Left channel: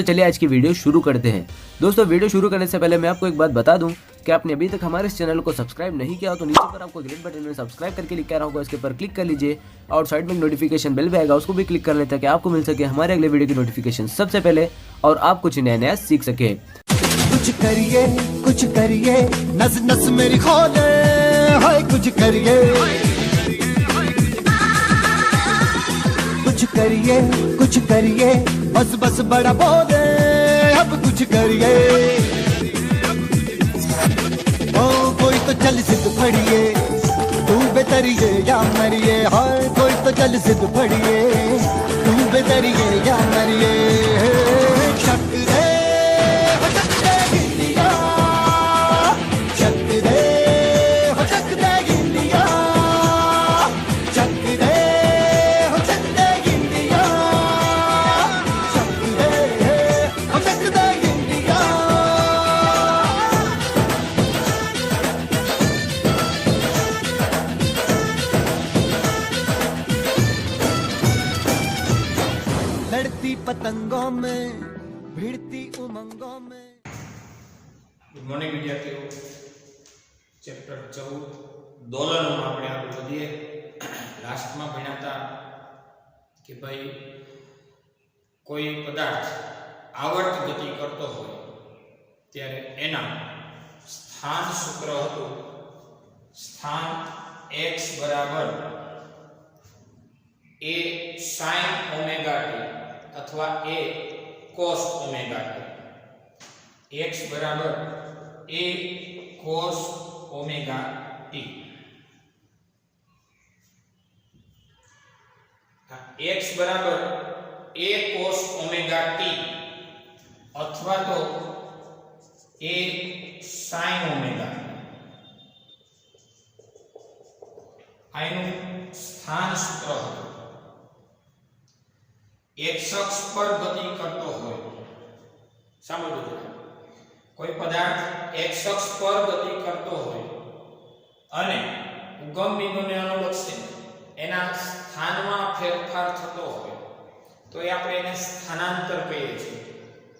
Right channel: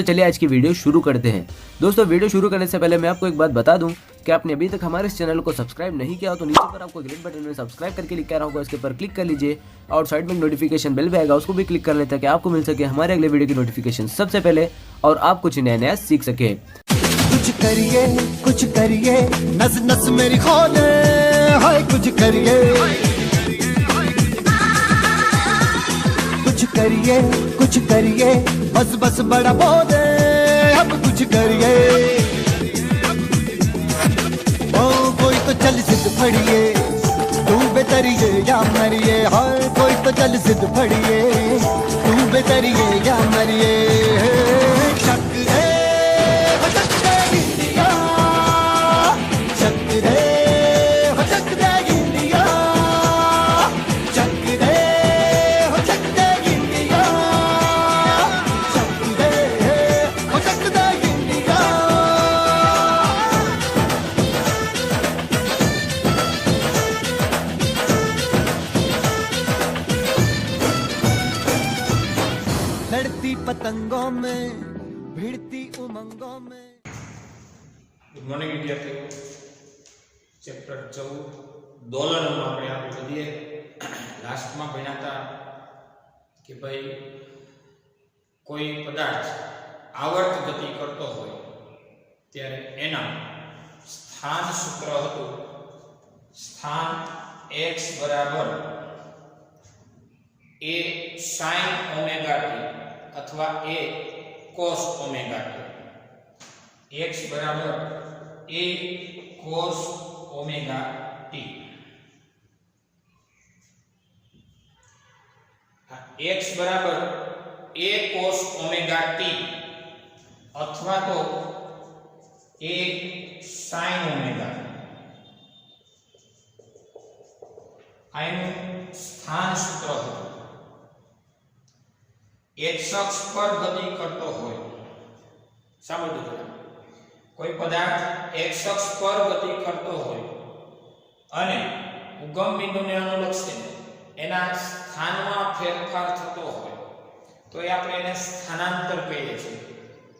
दोस्तों चलिए आज की वीडियो शुरू करते हैं। दोस्तों वीडियो शुरू करने से पहले मैं आपको एक बात बता दूं कि आपने अभी तक हमारे इस चैनल को सब्सक्राइब नहीं किया हो तो नीचे पर आपको ग्रीन बटन में सब्सक्राइब करके लिखा रहा होगा, इसके ऊपर क्लिक कर लीजिए और साइड में नोटिफिकेशन बेल भी आएगा, उसको भी क्लिक कर लें ताकि आपको मिल सके हमारे अगले वीडियो की नोटिफिकेशन सबसे पहले और आप कुछ नया नया सीख सके। कुछ करिए नस नस मेरी खोले, हाय कुछ करिए बस बस बड़ा बोले, अब कुछ करिए। ओ कोई तो चल सिद्ध फड़िए, तू बेतरिए या मरिए, हाय कोई तो चल सिद्ध फड़िए, तू बेतरिए या मरिए। शक दे लड़ती पतंगों में भिड़ती उमंगों में। गुड मॉर्निंग विद्यार्थियों, चैप्टर 14 दोलनों में આપણે આગળ વધીએ। લાસ્ટમાં ભણ્યા હતા કે ભાઈ કોઈ પદાર્થ આવર્ત ગતિ કરતો હોય ત્યારે એના સ્થાન સૂત્ર હતું સ્થાન x બરાબર a sin ઓમેગા t अथवा a cos omega t। x बराबर a cos omega t। x बराबर a cos ओमेगा t अथवा तो a sin ओमेगा। आનું સ્થાન સૂત્ર હતું एक्स अक्ष पर गति करतो होय। समझो जरा, कोई पदार्थ एक्स अक्ष पर गति करतो होय अने उगम बिंदुने अनुलक्षे एना स्थानमा फेरफार थतो होय तो ए आपणे एने स्थानांतर कहीए छीए।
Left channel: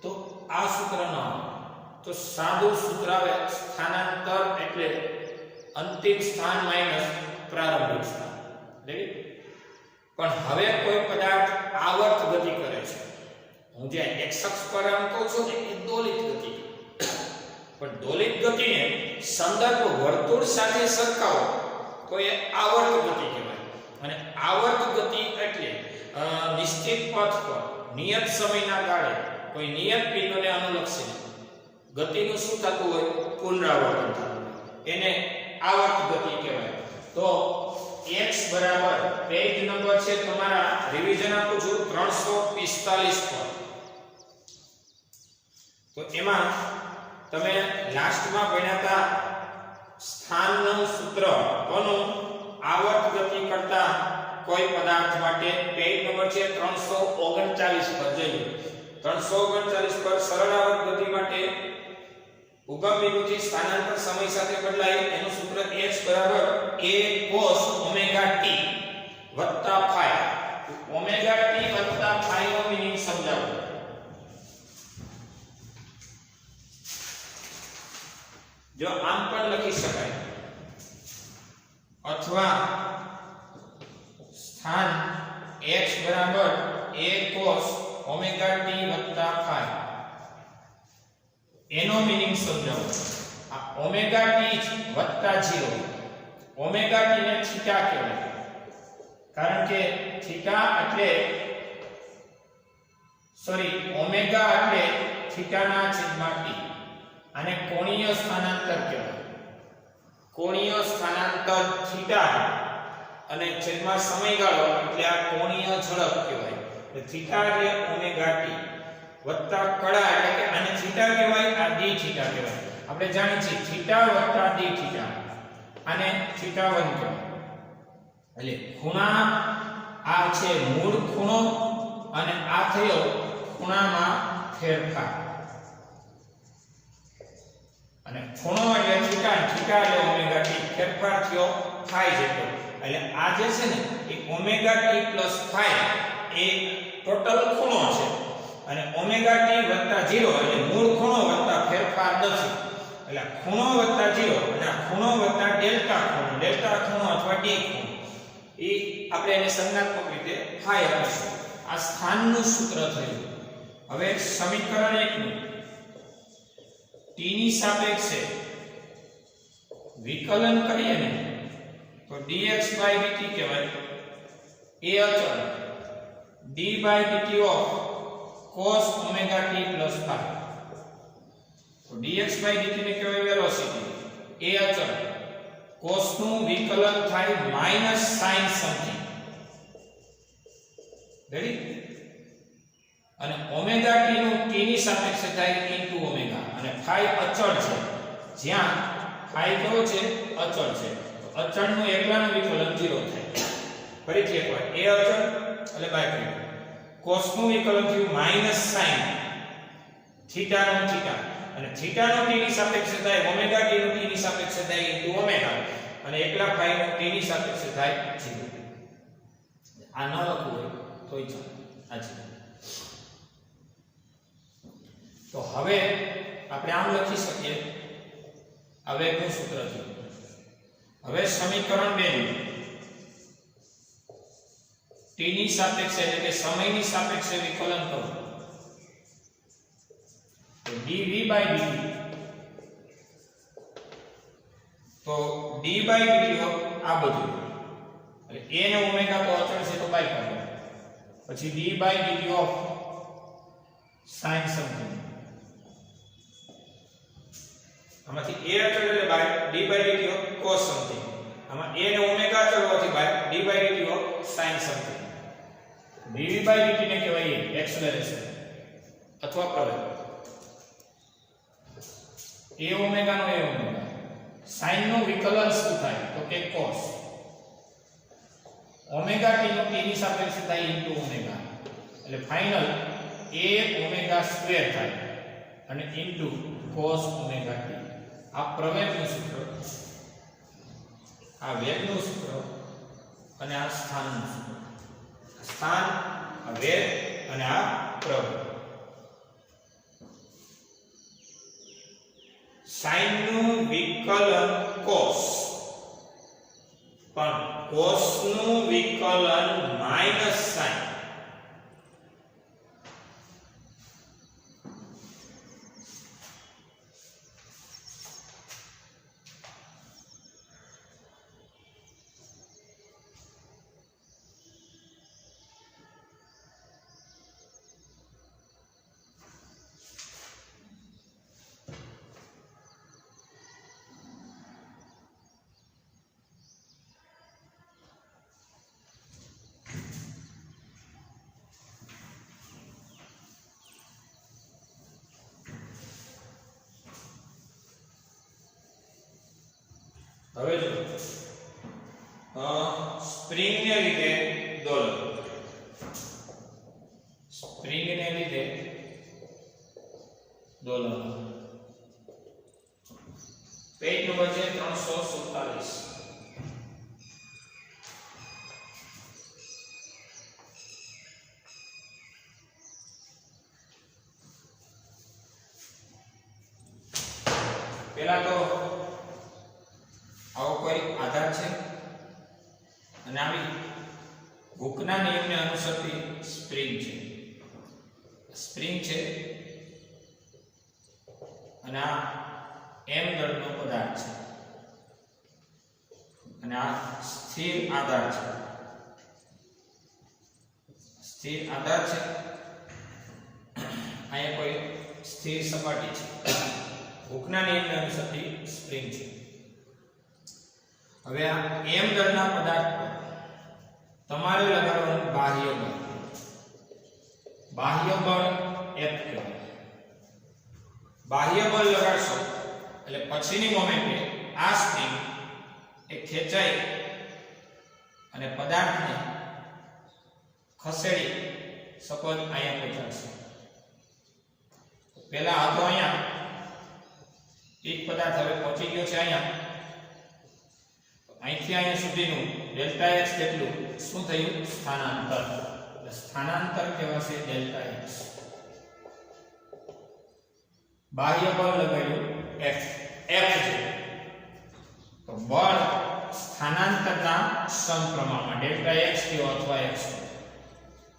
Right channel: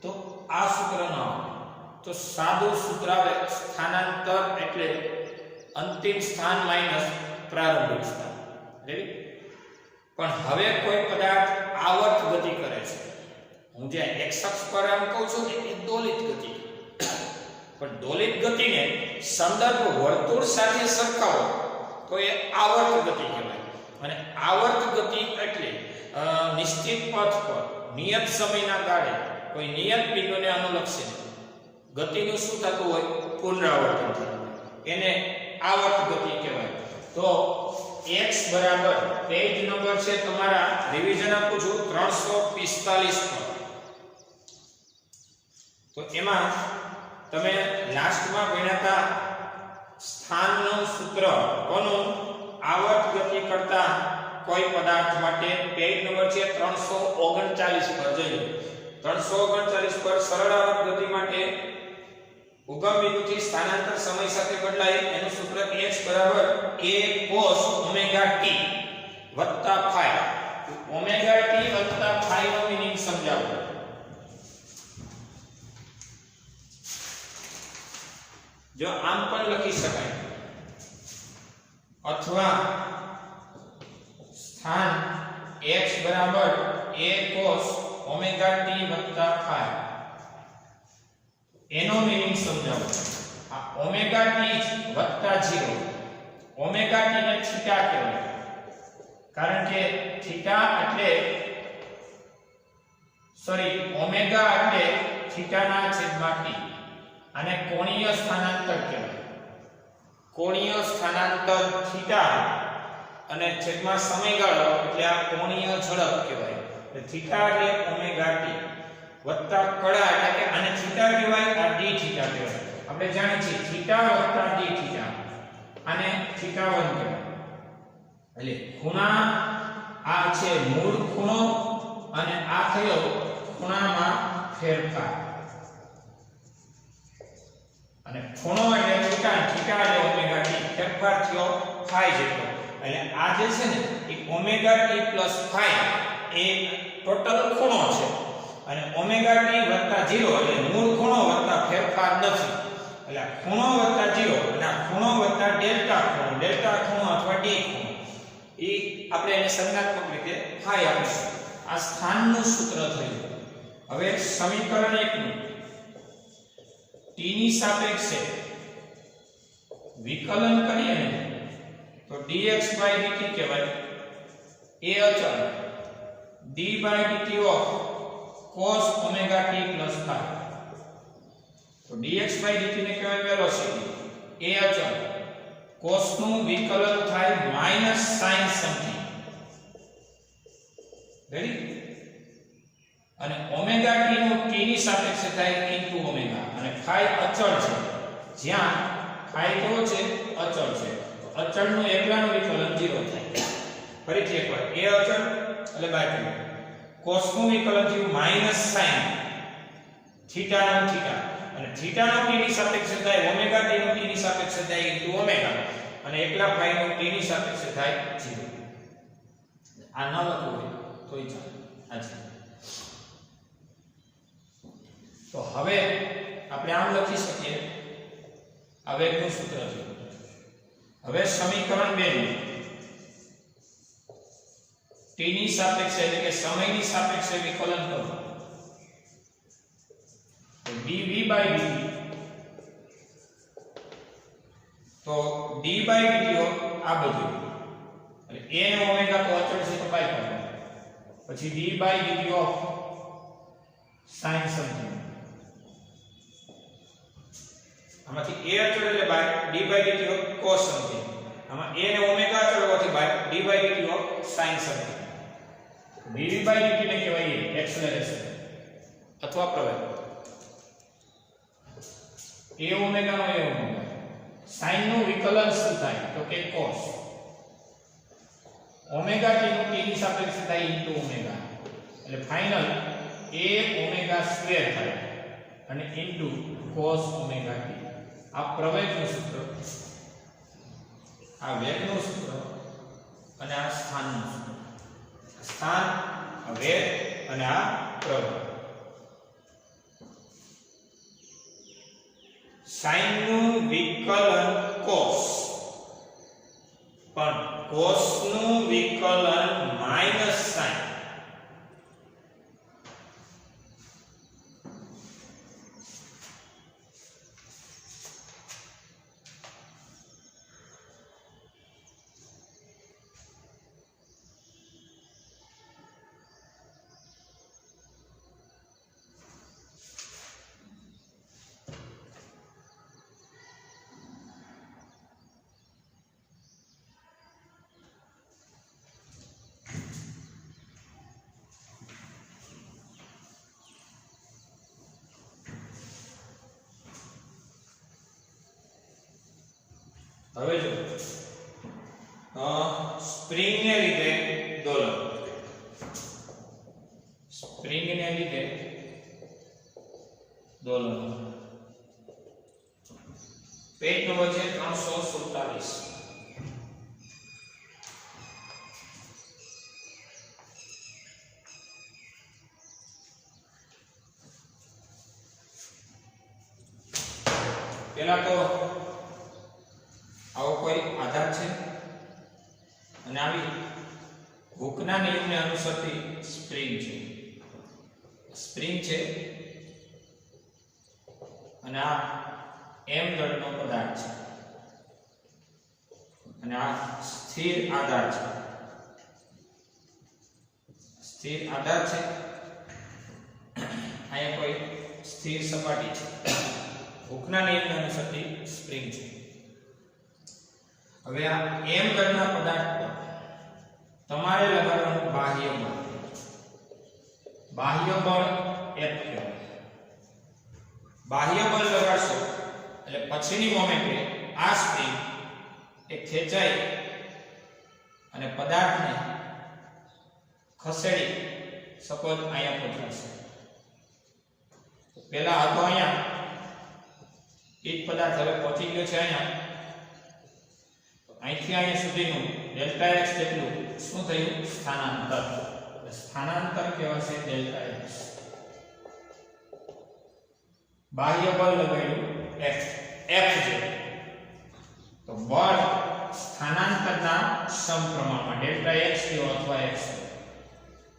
तो आ सूत्र न तो सादुं सूत्र आवे स्थानांतर एटले अंतिम स्थान माइनस प्रारंभिक स्थान। रेडी? पण हवे कोई पदार्थ आवर्त गति करे छे, હું જે x અક્ષ પર આમ કહું છું એ દોલિત ગતિ, પણ દોલિત ગતિને સંદર્ભ વર્તુળ સાથે સરખાવો તો એ આવર્ત ગતિ કહેવાય। અને આવર્ત ગતિ એટલે નિશ્ચિત પથ પર નિયત સમયના ગાળે કોઈ નિયત બિંદુને અનુલક્ષે ગતિનું શું થતું હોય પુનરાવર્તન થતું હોય એને આવર્ત ગતિ કહેવાય। તો x बराबर पेज नंबर છે તમારા રિવિઝન આપું છું 345 પર। તો એમાં તમે લાસ્ટમાં ભણ્યાતા સ્થાનનું સૂત્ર કોનું આવર્ત ગતિ કરતા કોઈ પદાર્થ માટે પેજ નંબર છે 339 પર જોઈએ। 339 પર સરળ આવર્ત ગતિ માટે उगम बिंदु થી સ્થાનાંતર સમય સાથે બદલાય એનું સૂત્ર x બરાબર a cos ઓમેગા t વત્તા phi। ઓમેગા t વત્તા phi નો મીનિંગ સમજાવો। જો આમ પણ લખી શકાય અથવા સ્થાન x બરાબર a cos ઓમેગા t વત્તા phi एनो मीनिंग समझाओ। आ ओमेगा टी वत्ता 0 ओमेगा टी ने थीटा कहेवाय कारण के थीटा એટલે सॉरी ओमेगा એટલે थीटा ना छेदમાં t અને કોણીય સ્થાનાંતર કહેવાય। કોણીય સ્થાનાંતર थीटा અને છેદમાં સમયગાળો એટલે આ કોણીય ઝડપ કહેવાય। એટલે थीटा એટલે ओमेगा टी वत्ता कड़ा એટલે કે આને થીટા કહેવાય, આ d થીટા કહેવાય। આપણે જાણીએ છીએ થીટા વત્તા d થીટા આને થીટા1 કહેવાય। એટલે ખૂણા આ છે મૂળ ખૂણો અને આ થયો ખૂણામાં ફેરફાર અને ખૂણો એટલે થીટા, થીટા એટલે ઓમેગા t, ફેરફાર થયો phi જેટલો। એટલે આ જે છે ને એ ઓમેગા t + phi એ ટોટલ ખૂણો છે। અને ઓમેગા ટી વત્તા 0 એટલે મૂળ ખૂણો વત્તા ફેરફાર દસી એટલે ખૂણો વત્તા 0 અને આ ખૂણો વત્તા ડેલ્ટા ખૂણો અથવા ડી ખૂણો એ આપણે એને સંજ્ઞાત્મક રીતે ફાઈ આપીશું. આ સ્થાનનું સૂત્ર થયું. હવે સમીકરણ 1 નું t ની સાપેક્ષે વિકલન કરીએ ને તો dx/dt કહેવાય. એ અચળ d/dt of cos omega t plus phi. તો dx/dt ને કહેવાય વેલોસિટી. એ અચળ cos નું વિકલન થાય માઈનસ sin સમથિંગ. રેડી? અને ઓમેગા t નું t ની સાપેક્ષે થાય ઇન્ટુ ઓમેગા અને phi અચળ છે. જ્યાં phi કેવો છે? અચળ છે. તો અચળનું એકલાનું વિકલન 0 થાય. ફરીથી એકવાર એ અચળ એટલે બાય cos નું વિકલન થયું માઈનસ sin થીટા નું થીટા અને થીટા નું t ની સાપેક્ષે થાય ઓમેગા t નું t ની સાપેક્ષે થાય ઇન્ટુ ઓમેગા અને એકલા phi નું t ની સાપેક્ષે થાય 0. આ ન લખવું હોય તોય ચાલે. આ છે. તો હવે આપણે આમ લખી શકીએ. આ વેગનું સૂત્ર છે. હવે સમીકરણ 2 નું t ની સાપેક્ષે એટલે કે સમયની સાપેક્ષે વિકલન કરો તો dv/dt તો d/dt આ બધું એટલે a ને ઓમેગા તો અચળ છે તો બાય કરો પછી d/dt ઓફ sin સમથિંગ આમાંથી a અચળ એટલે by d/dt of cos something આમાં a ને ઓમેગા અચળ હોવાથી by d/dt of sin something dv/dt ને કહેવાય એક્સેલરેશન અથવા પ્રવેગ. a ઓમેગા નો a ઓમેગા sin નું વિકલન શું થાય તો કે cos ઓમેગા t નું t ની સાપેક્ષે થાય ઇન્ટુ ઓમેગા એટલે ફાઇનલ a ઓમેગા સ્ક્વેર થાય અને ઇન્ટુ cos ઓમેગા t. આ પ્રવેગનું સૂત્ર, આ વેગનું સૂત્ર અને આ સ્થાનનું સૂત્ર. સ્થાન, આ વેગ અને આ પ્રવેગ. sin નું વિકલન cos પણ cos નું વિકલન માઈનસ sin. હવે જો સ્પ્રિંગ ને લીધે દોલન, સ્પ્રિંગ ને લીધે દોલન પેજ નંબર છે 347. પેલા તો આવો કોઈ આધાર છે અને આવી હુકના નિયમને અનુસરતી સ્પ્રિંગ છે. સ્પ્રિંગ છે અને આ m દળનો પદાર્થ છે અને આ સ્થિર આધાર છે. સ્થિર આધાર છે. અહીંયા કોઈ સ્થિર સપાટી છે. હુકના નિયમને અનુસરતી સ્પ્રિંગ છે. હવે આ m દળના પદાર્થ પર તમારે લગાડવાનું બાહ્ય બળ. બાહ્ય બળ F કહેવાય. બાહ્ય બળ લગાડશો એટલે પછીની મોમેન્ટે આ સ્પ્રિંગ એ ખેંચાઈ અને પદાર્થને ખસેડી સપોઝ અહીંયા પહોંચાડશે. પહેલા હતો અહીંયા, એક પદાર્થ હવે પહોંચી ગયો છે અહીંયા. અહીંથી અહીંયા સુધીનું ડેલ્ટા x જેટલું શું થયું? સ્થાનાંતર. એટલે સ્થાનાંતર કહેવાશે ડેલ્ટા x. બાહ્ય બળ લગાડ્યું F છે તો બળ સ્થાનાંતરના સમપ્રમાણમાં ડેલ્ટા x થયો અથવા x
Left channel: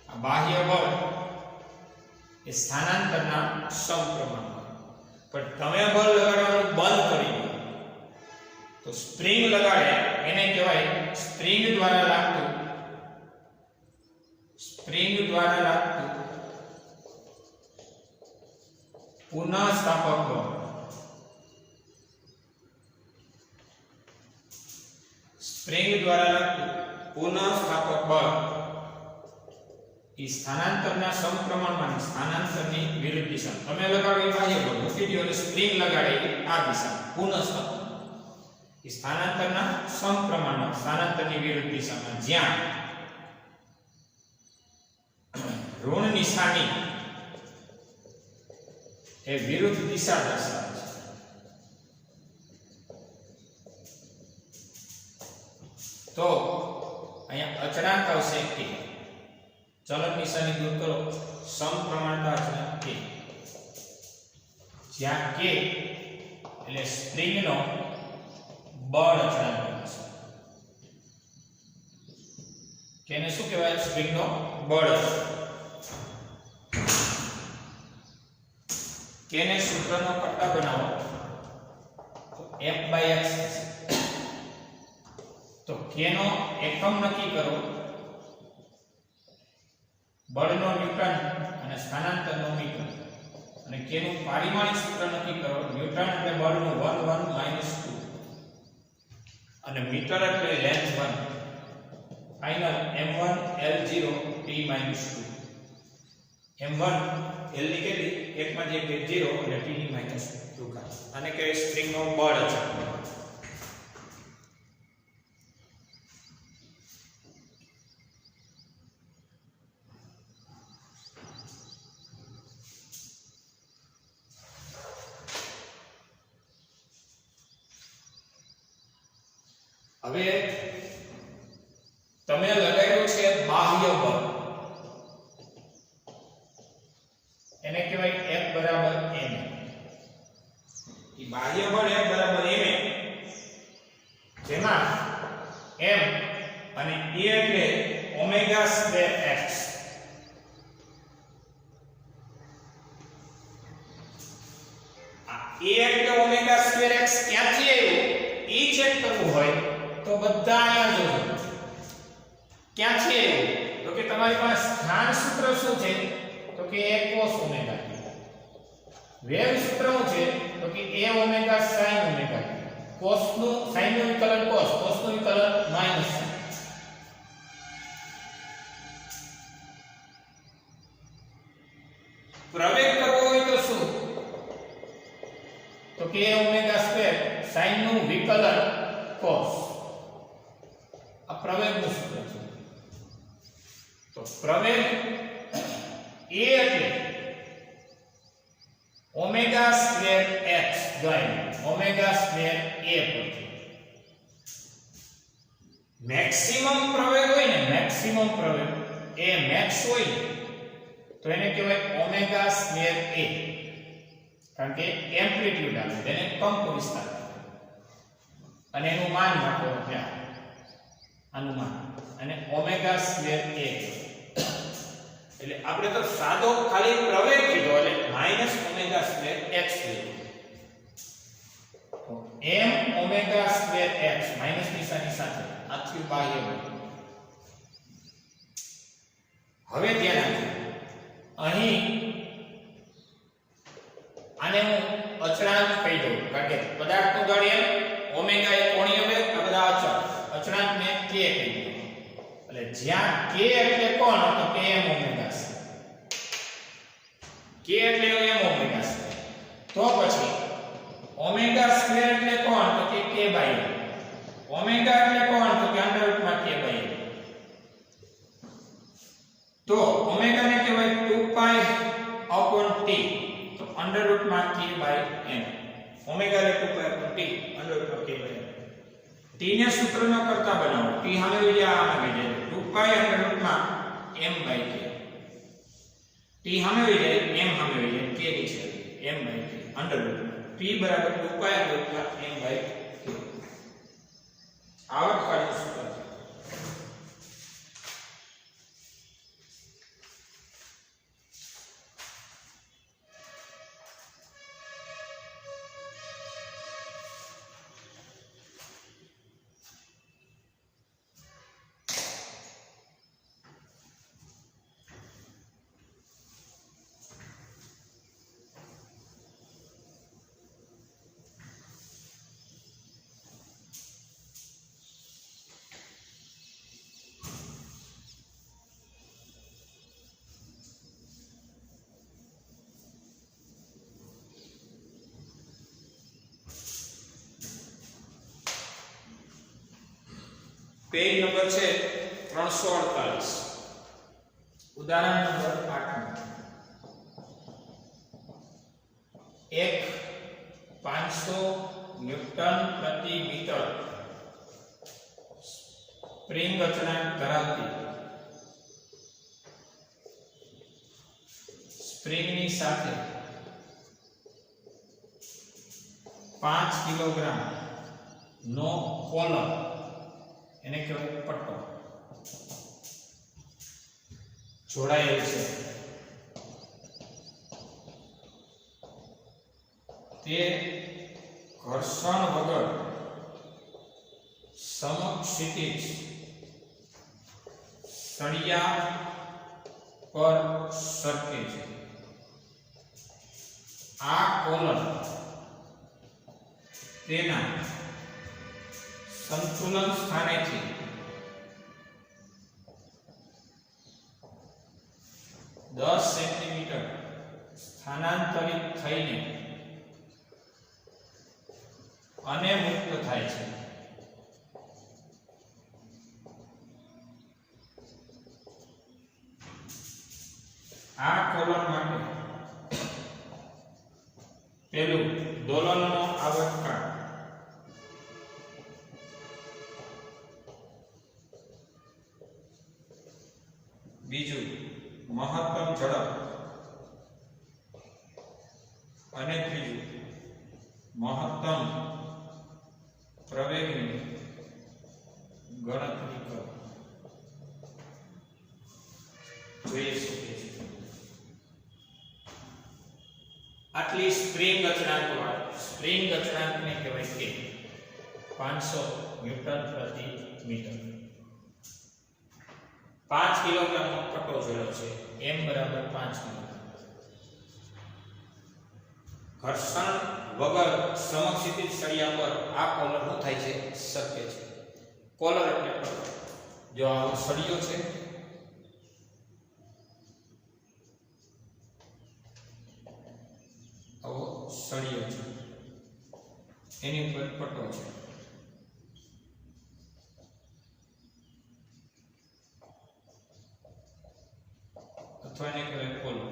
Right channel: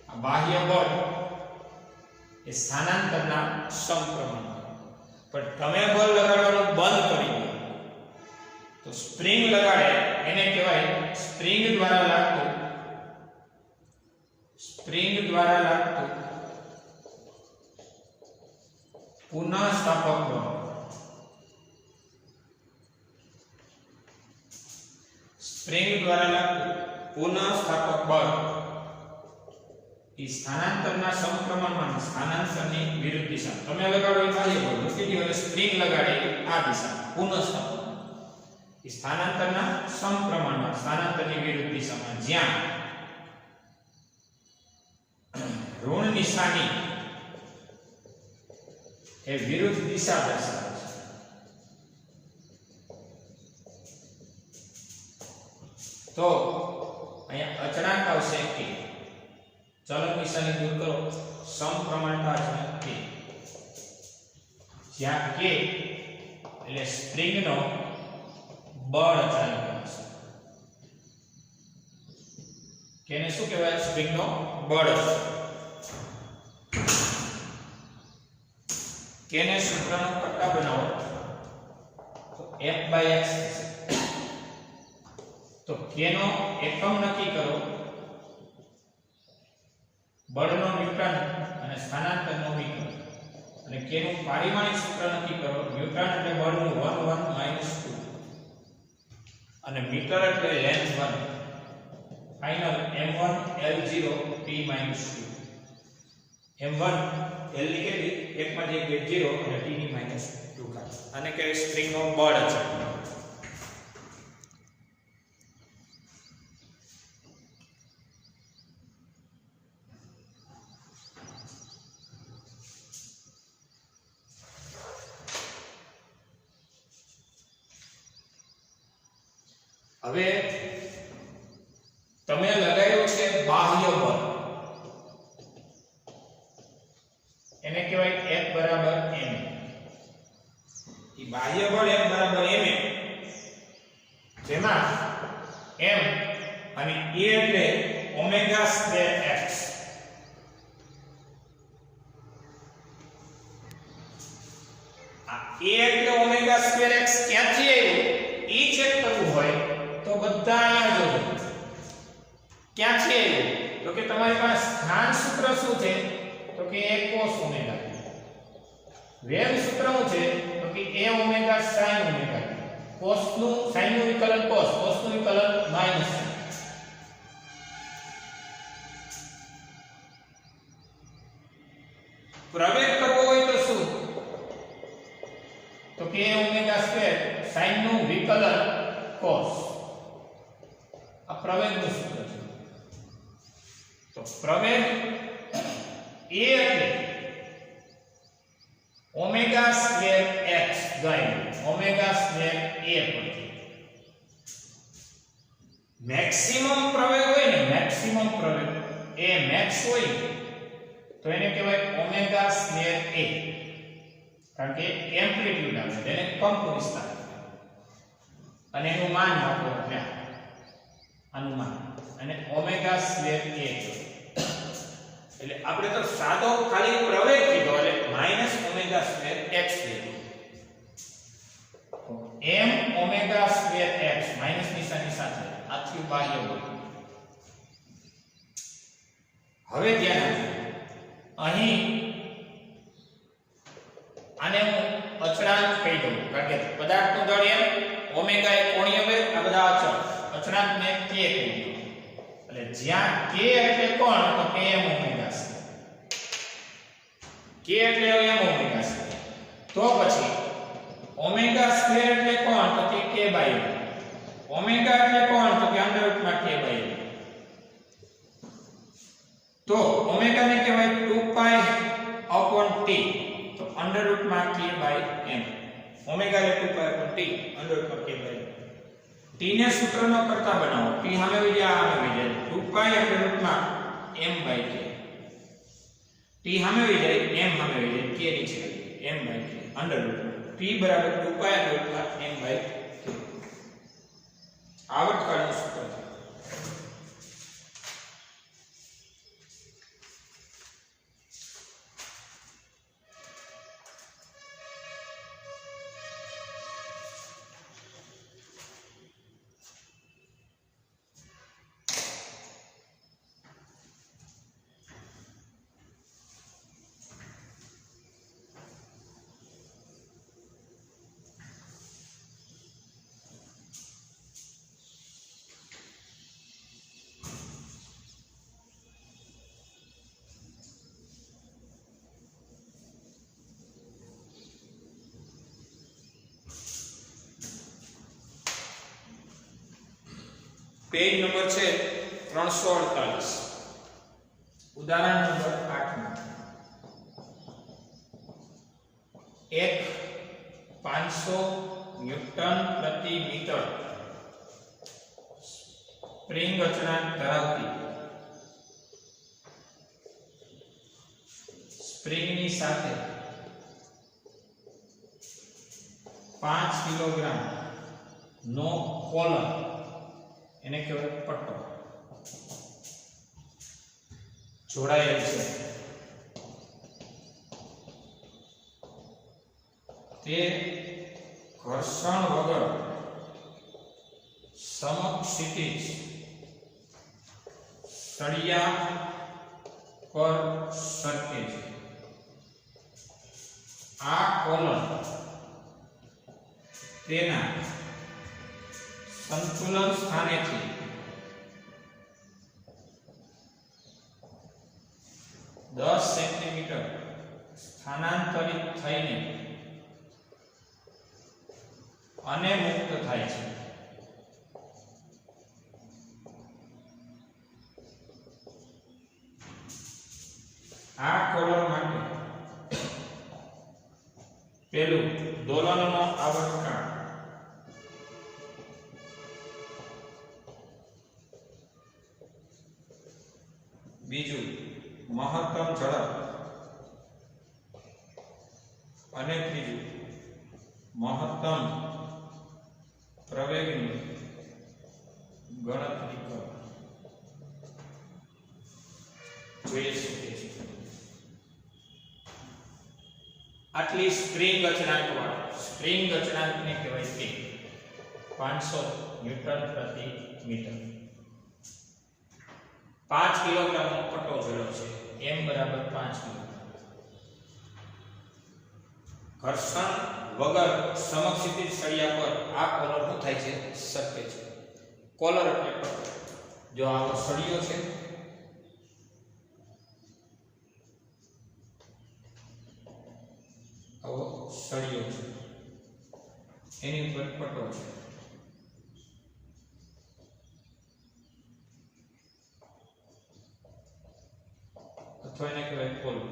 આ બાહ્ય બળ એ સ્થાનાંતરના સમપ્રમાણમાં પણ તમે બળ લગાડવાનું બંધ કરી દો તો સ્પ્રિંગ લગાડે એને કહેવાય સ્પ્રિંગ દ્વારા લાગતું પુનઃસ્થાપક બળ સ્પ્રિંગ દ્વારા લાગતું પુનઃસ્થાપક બળ એ સ્થાનાંતરના સમપ્રમાણમાં સ્થાનાંતરની વિરુદ્ધ દિશા તમે લગાડો એ બાહ્ય બળ મૂકી દો અને સ્પ્રિંગ લગાડે આ દિશા પુનઃસ્થાપક એ સ્થાનાંતરના સમપ્રમાણમાં સ્થાનાંતરની વિરુદ્ધ દિશામાં જ્યાં ઋણ નિશાની એ વિરુદ્ધ દિશા દર્શાવે છે તો અહીંયા અચળાંક આવશે કે ચલક નિશાની દૂર કરો સમપ્રમાણતા અચળાંક કે જ્યાં કે એટલે સ્પ્રિંગનો બળ અચળાંક છે કેને શું કહેવાય સ્પ્રિંગનો બળ કેને સૂત્રનો કટ્ટા બનાવો તો F/x તો કેનો એકમ નક્કી કરો બળનો ન્યૂટન અને સ્થાનાંતરનો મીટર અને કેનું પારિમાણિક સૂત્ર નક્કી કરો ન્યૂટન એટલે બળનું 1 1 -2 અને મીટર એટલે length 1 final m1 L0 t - 2 m1 L ની કેટલી 1 માંથી 1 0 અને t ની -2 ઘાત આને કહેવાય સ્પ્રિંગનો બળ છે હવે તમે લગાવ્યું છે બાહ્ય બળ એને કહેવાય F બરાબર m ઈ બાહ્ય બળ F બરાબર m જેમાં m અને a એટલે ઓમેગા સ્ક્વેર x આ a એટલે ઓમેગા સ્ક્વેર x ક્યાંથી આવ્યું ઈ ચેક કરવું હોય તો બધા અહીંયા જોજો ક્યાં છે તો કે તમારી પાસે સ્થાન સૂત્ર શું છે તો કે a cos ઓમેગા વેગ સૂત્ર શું છે તો કે a omega sin omega cos નું sin નું વિકલન cos નું વિકલન માઈનસ sin પ્રવેગ કરવો હોય તો શું તો કે a ઓમેગા સ્ક્વેર sin નું વિકલન cos આ પ્રવેગનું સૂત્ર છે તો પ્રવેગ a એટલે ઓમેગા સ્ક્વેર x દ્વારા ઓમેગા સ્ક્વેર a પરથી મેક્સિમમ પ્રવેગ હોય ને મેક્સિમમ પ્રવેગ એ મેક્સ હોય તો એને કહેવાય ઓમેગા સ્ક્વેર a કારણ કે એમ્પ્લિટ્યુડ આવે તેને કંપ વિસ્તાર અને એનું માન આપો એટલે આનું માન અને ઓમેગા સ્ક્વેર a એટલે આપણે તો સાદો ખાલી પ્રવેગ કીધો એટલે માઈનસ ઓમેગા સ્ક્વેર x કીધું તો m omega square x minus નિશાની સાથે આથી બાહ્ય બળ હવે ધ્યાન આપજો અહીં આને હું અચળાંક કહી દઉં કારણ કે પદાર્થનું દળ m ઓમેગા એ કોણીય વેગ આ બધા અચળાંકને k કહી દઉં એટલે જ્યાં k એટલે કોણ તો k m ઓમેગા છે k એટલે m ઓમેગા છે તો પછી ઓમેગા સ્ક્વેર એટલે કોણ તો કે k બાય ઓમેગા એટલે કોણ તો કે અંડર રૂટ માં k બાય તો ઓમેગા ને કહેવાય 2 પાઈ upon t તો અંડર રૂટ માં k બાય m ઓમેગા એટલે 2 પાઈ upon t અંડર રૂટ માં k બાય t ને સૂત્રનો કરતા બનાવો t સામે વિડિયા આને વિડિયા 2 પાઈ અંડર રૂટ માં m બાય k t સામે વિડિયા m સામે વિડિયા k ની છે m by k under root में p बराबर 2 pi under root m by k आवत काढू सूत्र पेज नंबर છે 348 उदाहरण नंबर 8 में एक 500 न्यूटन प्रति मीटर स्प्रिंग अचनाक धरावती स्प्रिंग ની સાથે 5 કિલોગ્રામ નો કોલમ એને કહેવાય પટ્ટો જોડાયેલ છે તે ઘર્ષણ વગર સમક્ષિતિજ સળિયા પર સરકે છે આ કોલમ તેના संतुलन स्थाने थी 10 सेंटीमीटर स्थानांतरित थईने अने मुक्त थाय छे आ कोलम माटे पेलू दोलननो आवर्तकाळ बीजू महत्तम झड़प अने त्रीजू महत्तम प्रवेगनी गणतरी करो जोई शकीए छीए आटली स्प्रिंग अचनांक ने कहेवाय के 500 न्यूटन प्रति मीटर 5 किलोग्राम નો પટ્ટો જોડ્યો છે m બરાબર 5 કિલોગ્રામ ઘર્ષણ વગર સમક્ષિતિજ સળિયા પર આ કોલર નો થાય છે શક્ય છે કોલર એટલે પટ્ટો જો આવો સળિયો છે આવો સળિયો છે એની ઉપર પટ્ટો છે अथवा ने कहेवाय कोलर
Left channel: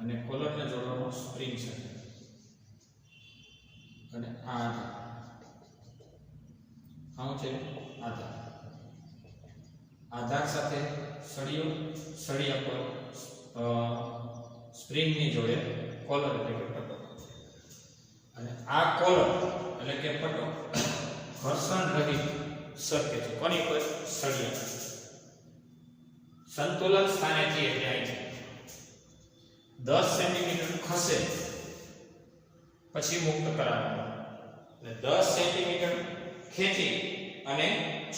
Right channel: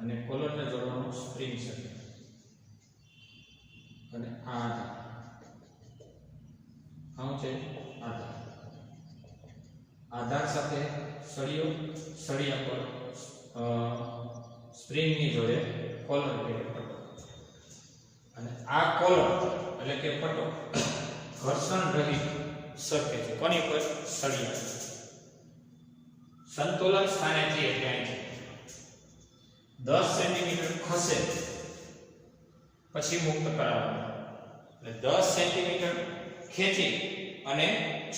अने कोलर ने जोड़वानो स्प्रिंग छे अने आ आधार आउं छे आधार आधार साथे सळियो सळिया पर स्प्रिंग नी जोड़े कोलर એટલે કે પટ્ટો અને આ કોલર એટલે કે પટ્ટો ઘર્ષણ રહિત સરકે છે કોની પર સળિયા संतुलन स्थाने थी એટલે અહીં 10 સેન્ટીમીટર ખસે પછી મુક્ત કરાવવાનું એટલે 10 સેન્ટીમીટર ખેંચી અને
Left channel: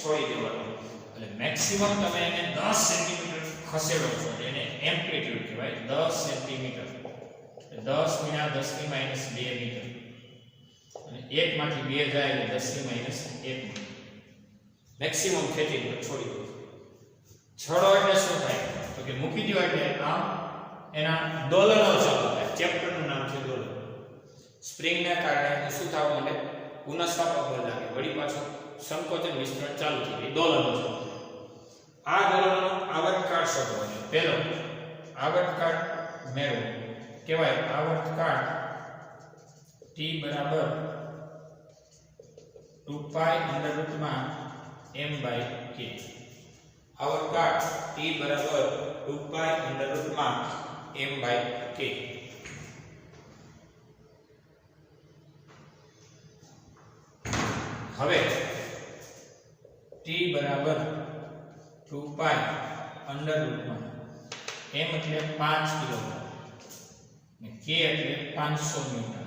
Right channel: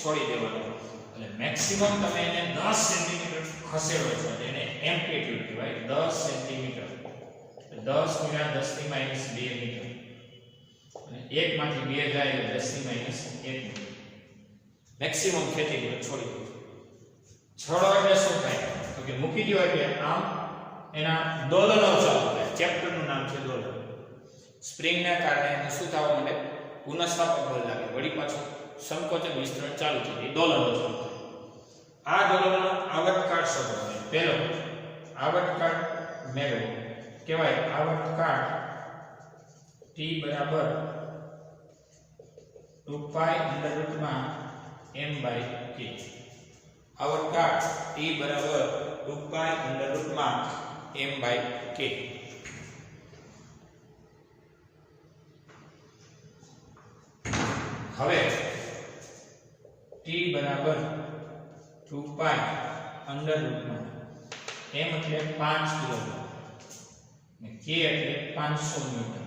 છોડી દેવાનું એટલે મેક્સિમમ તમે એને 10 સેન્ટીમીટર ખસેડો છો એને એમ્પ્લિટ્યુડ કહેવાય 10 સેન્ટીમીટર 10 * 10 ની -2 મીટર અને 1 માંથી 2 જાય એટલે 10 ની -1 મીટર મેક્સિમમ ખેંચી દો છોડી દો छड़ो એટલે શું થાય તો કે મૂકી દીવા એટલે આમ એના દોલનો ચાલુ થાય ચેપ્ટર નું નામ છે દોલન સ્પ્રિંગ ના કારણે શું થવા માંડે પુનઃસ્થાપક બળ લાગે વળી પાછું સંકોચન વિસ્તરણ ચાલુ થાય દોલનો ચાલુ આ દોલનનો આવર્તકાળ શોધો પહેલો આવર્તકાળ મેળવો કહેવાય આવર્તકાળ t બરાબર 2 પાઈ અંડર રૂટમાં m બાય k आवर्तकाळ t बराबर 2 पाई अंडर रूट में m बाय k હવે t બરાબર 2 પાઈ અંડર રૂટમાં m એટલે 5 કિલોગ્રામ ને k એટલે 500 ન્યૂટન.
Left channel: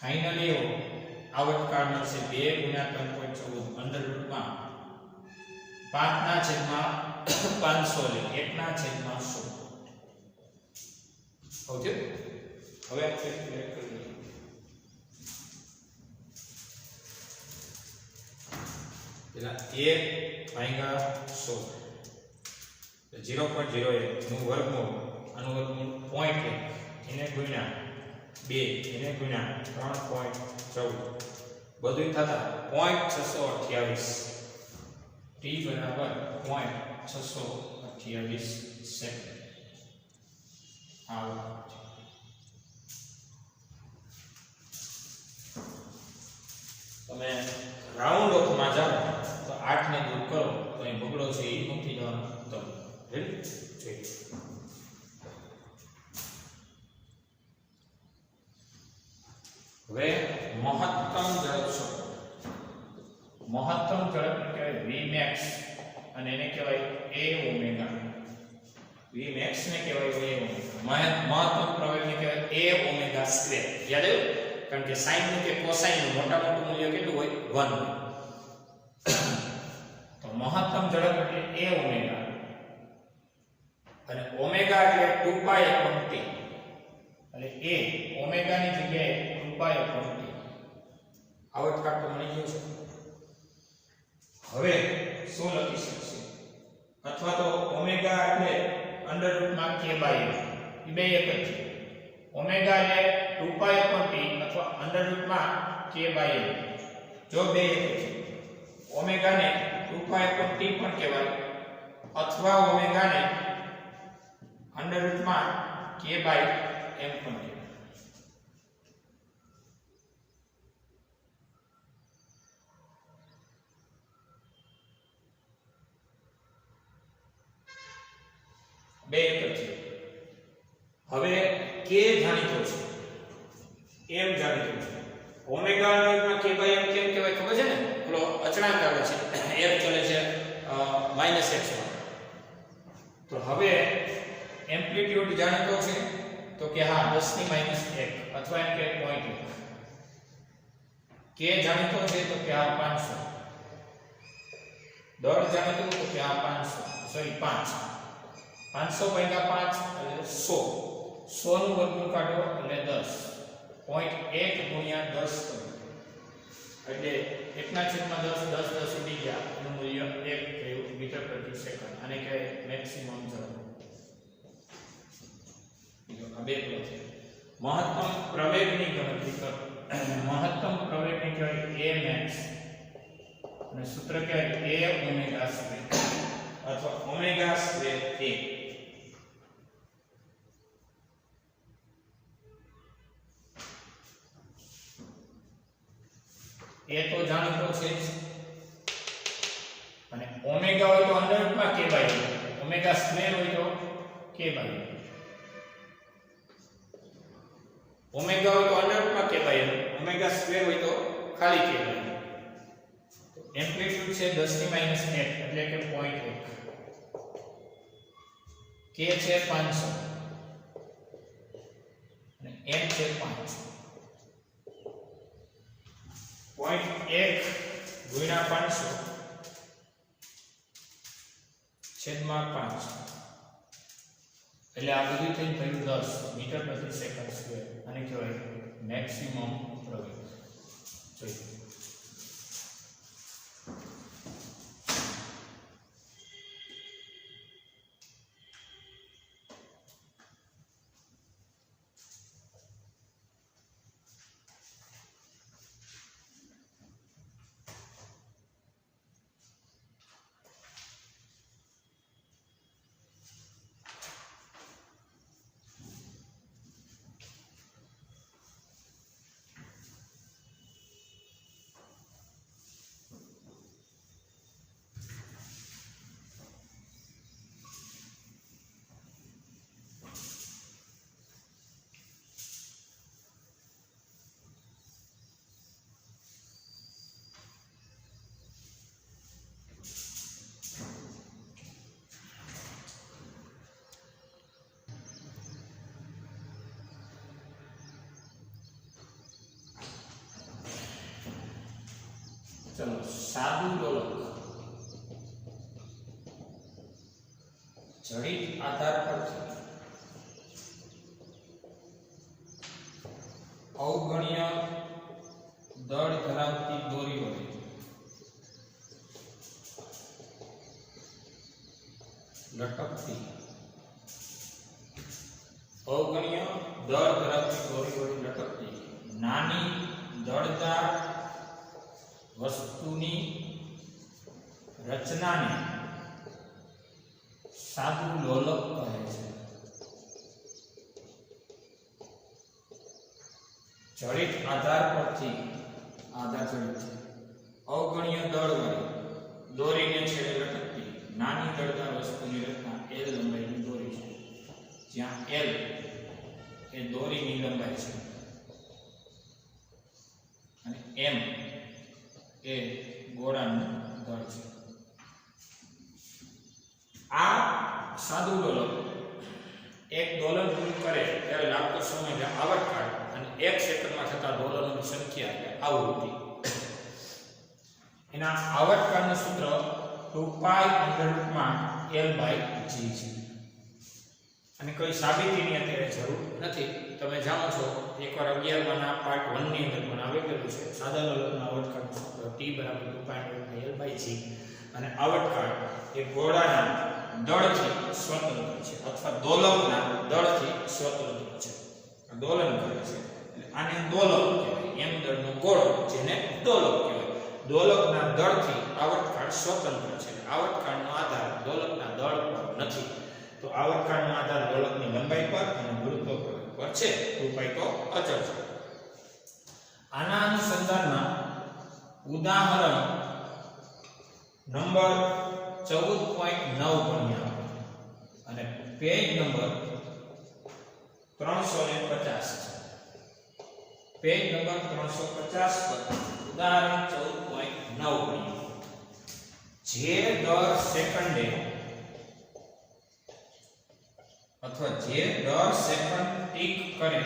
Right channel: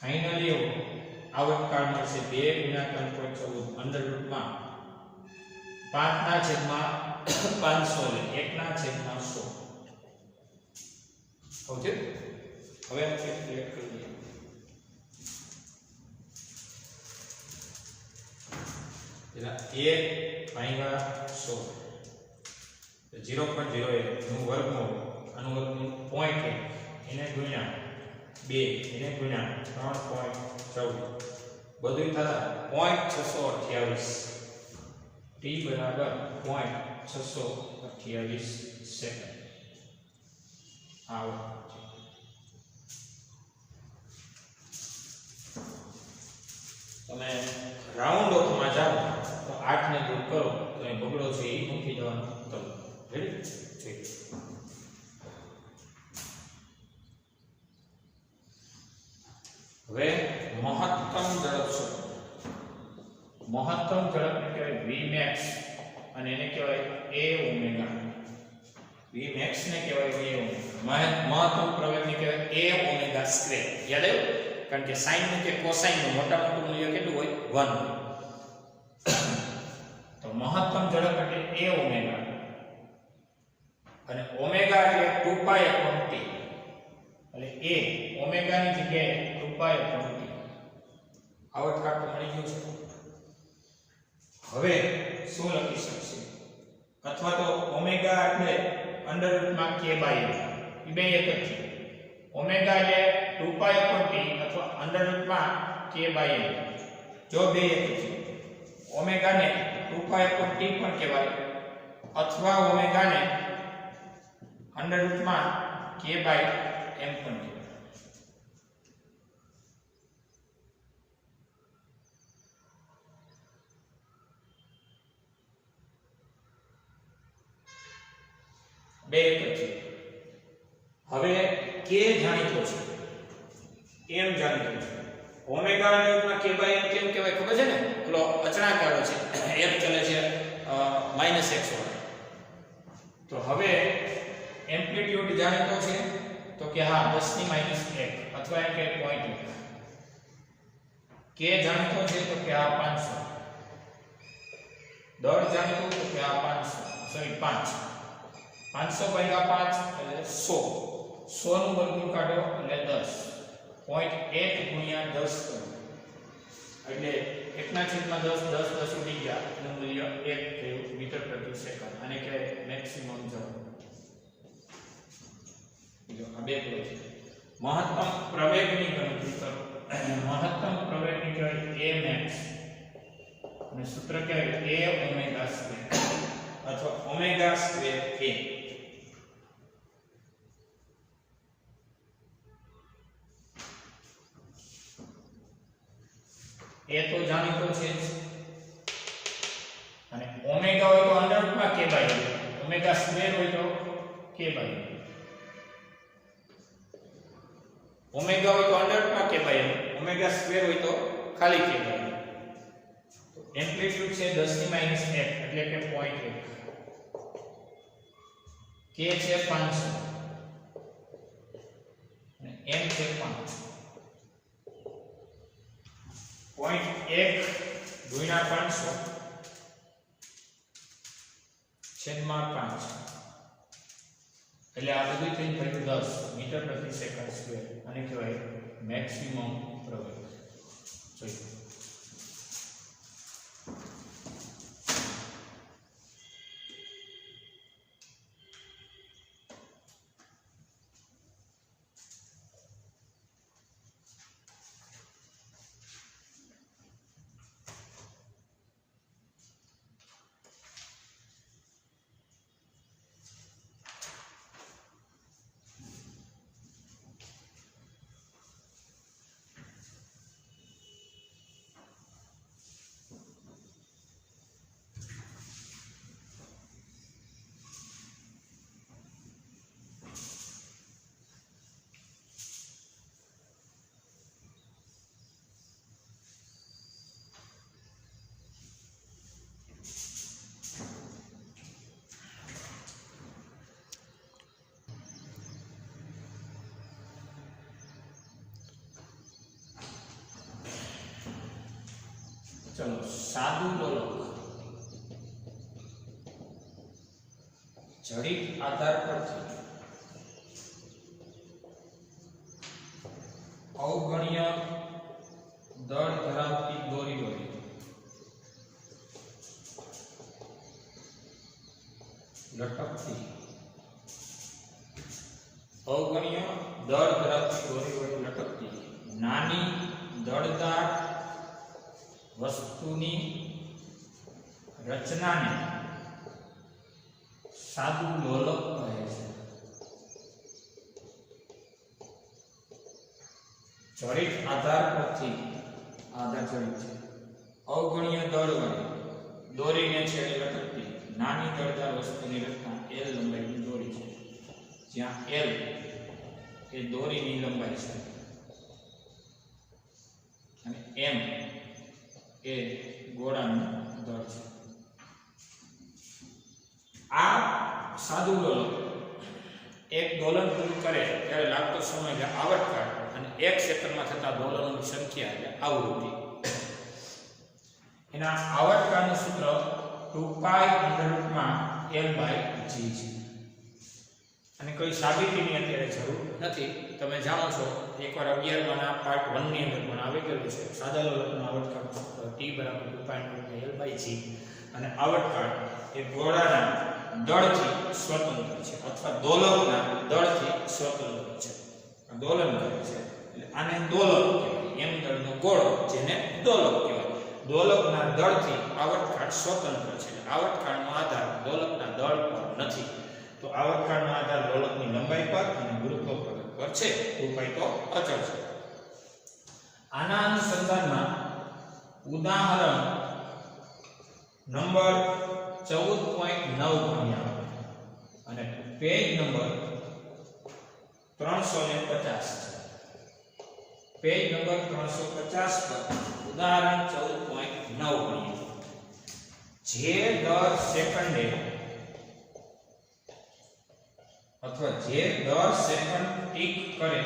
ફાઇનલી આવર્તકાળ મળશે 2 ગુણ્યા 3.14 અંડર રૂટમાં 5 ના છેદમાં 500 એટલે 1 ના છેદમાં 100. ઓકે, હવે આપણે કેલ્ક્યુલેટ કરીએ. પેલા 1 ભાગ્યા 100 0.01 નું વર્ગમૂળ, આનું વર્ગમૂળ 0.1 એને ગુણ્યા 2 એને ગુણ્યા 3.14 બધું થતા 0.628 t બરાબર 0.628 સેકન્ડ. આવો તમે રાઉન્ડ ઓફમાં જાઓ તો 8 ને દૂર કરો તો એ બગડો છે એ મૂકી દેવાનો. તો રેડી જોઈએ. હવે મહત્તમ ઝડપ કહેવાય Vmax અને એને કહેવાય A ઓમેગા. Vmax ને કહેવાય A ઓમેગા, મહત્તમ પ્રવેગને કહેવાય A ઓમેગા સ્ક્વેર. યાદ આવ્યું? કારણ કે sin નું કે cosine નું મોટા મોટું મૂલ્ય કેટલું હોય? 1. તો મહત્તમ ઝડપ એટલે A ઓમેગા અને ઓમેગા એટલે 2 પાઈ upon t. એટલે A ઓમેગા ની જગ્યાએ 2 પાઈ upon t. આવર્તકાળ તો મળી ગયું છે. હવે શું લખી શકશે? અથવા તો ઓમેગા એટલે અંડર રૂટમાં k બાય m. એ બે એક જ છે. ઓમેગા એટલે 2 પાઈ upon t અથવા અંડર રૂટમાં k બાય m. જો બે એક જ છે. ઓમેગા ને 2 પાઈ upon t પણ કહેવાય અથવા ઓમેગા ને અંડર રૂટમાં k બાય m પણ કહેવાય. બે એક છે. હવે k જાણીતો છે, m જાણીતો છે. ઓમેગા અંડર રૂટમાં k બાય m કેમ કહેવાય ખબર છે ને? પેલો અચળાંક આવે છે, f ચલે છે -x1. તો હવે એમ્પ્લિટ્યુડ જાણીતો છે તો કે હા 10 ની -1 અથવા એમ કે 0.1. k જાણીતો છે તો કે આ 500. દર જાણીતો તો કે આ 500 સોરી 5 500 ભાગ્યા 5 એટલે 100. 100 નું વર્ગમૂળ કાઢો એટલે 10. 0.1 ગુણ્યા 10 કરો એટલે 1/10 10 10 ઉડી ગયા એનું મૂલ્ય 1 થયું મીટર પ્રતિ સેકન્ડ. આને કહેવાય મેક્સિમમ ઝડપ. આ બે છે. મહત્તમ પ્રવેગની ગણતરી કરો. મહત્તમ પ્રવેગની કહેવાય Amax અને સૂત્ર કહેવાય A ઓમેગા સ્ક્વેર અથવા ઓમેગા સ્ક્વેર A. એ તો જાણીતો છે જ અને ઓમેગા હોય તો અંડર રૂટમાં k by m, omega square હોય તો k બાય m. ઓમેગા હોય તો અંડર રૂટમાં k by m, omega square હોય તો ખાલી k બાય m. તો એમ્પ્લિટ્યુડ છે 10 ની -1 એટલે કે 0.1. k છે 500 અને m છે 5. 0.1 ગુણ્યા 500 છેદમાં 5 એટલે આ બધું થઈને થયું 10 મીટર પ્રતિ સેકન્ડ સ્ક્વેર. આને કહેવાય મેક્સિમમ પ્રવેગ. જોઈએ ચલો સાદું લોલક જડિત આધાર પરથી અવગણ્ય દળ ધરાવતી દોરી વડે લટકતી અવગણ્ય દળ ધરાવતી દોરી વડે લટકતી નાની દળદાર વસ્તુની રચનાને સાદું લોલક કહે છે જડિત આધાર પરથી આધાર જડિત અવગણ્ય દળ વડે દોરીને છેડે લટકતી નાની દળદાર વસ્તુની રચના L લંબાઈની દોરી છે જ્યાં L એ દોરીની લંબાઈ છે અને M એ ગોળાનું દળ છે. આ સાદું લોલક એક દોલન પૂરું કરે ત્યારે લાગતો સમય આવર્તકાળ અને 1 સેકન્ડમાં થતા દોલનોની સંખ્યા એટલે આવૃત્તિ. એના આવર્તકાળનું સૂત્ર 2π √L/g છે. અને કોઈ સાબિતીની અત્યારે જરૂર નથી. તમે જાણો છો એકવાર 11માના પાર્ટ 1 ની અંદર પણ આવી ગયેલું છે. સાદા લોલકનું આવર્તકાળનું સૂત્ર t = 2π √L/g અને આવર્તકાળ એ ગોળાના દળથી સ્વતંત્ર છે અથવા દોલકના દળથી સ્વતંત્ર છે. દોલન કરે છે એટલે આને દોલક કહેવાય. એમ દળનો ગોળો જેને દોલક કહેવાય. દોલકના દળથી આવર્તકાળ સ્વતંત્ર છે. આવર્તકાળનો આધાર દોલકના દળ પર નથી. તો આવર્તકાળનો આધાર દોલકની લંબાઈ પર અને ગુરુત્વ પર છે. 2π તો અચળ છે. આના અનુસંધાનમાં ઉદાહરણ નંબર 14.9 ભણ્યા અને પેજ નંબર 350 છે. પેજ નંબર 350 પર ઉદાહરણ 14.9 ભણ્યા. જે દર સેકન્ડે અથવા જે દર સેકન્ડ ટીક કરે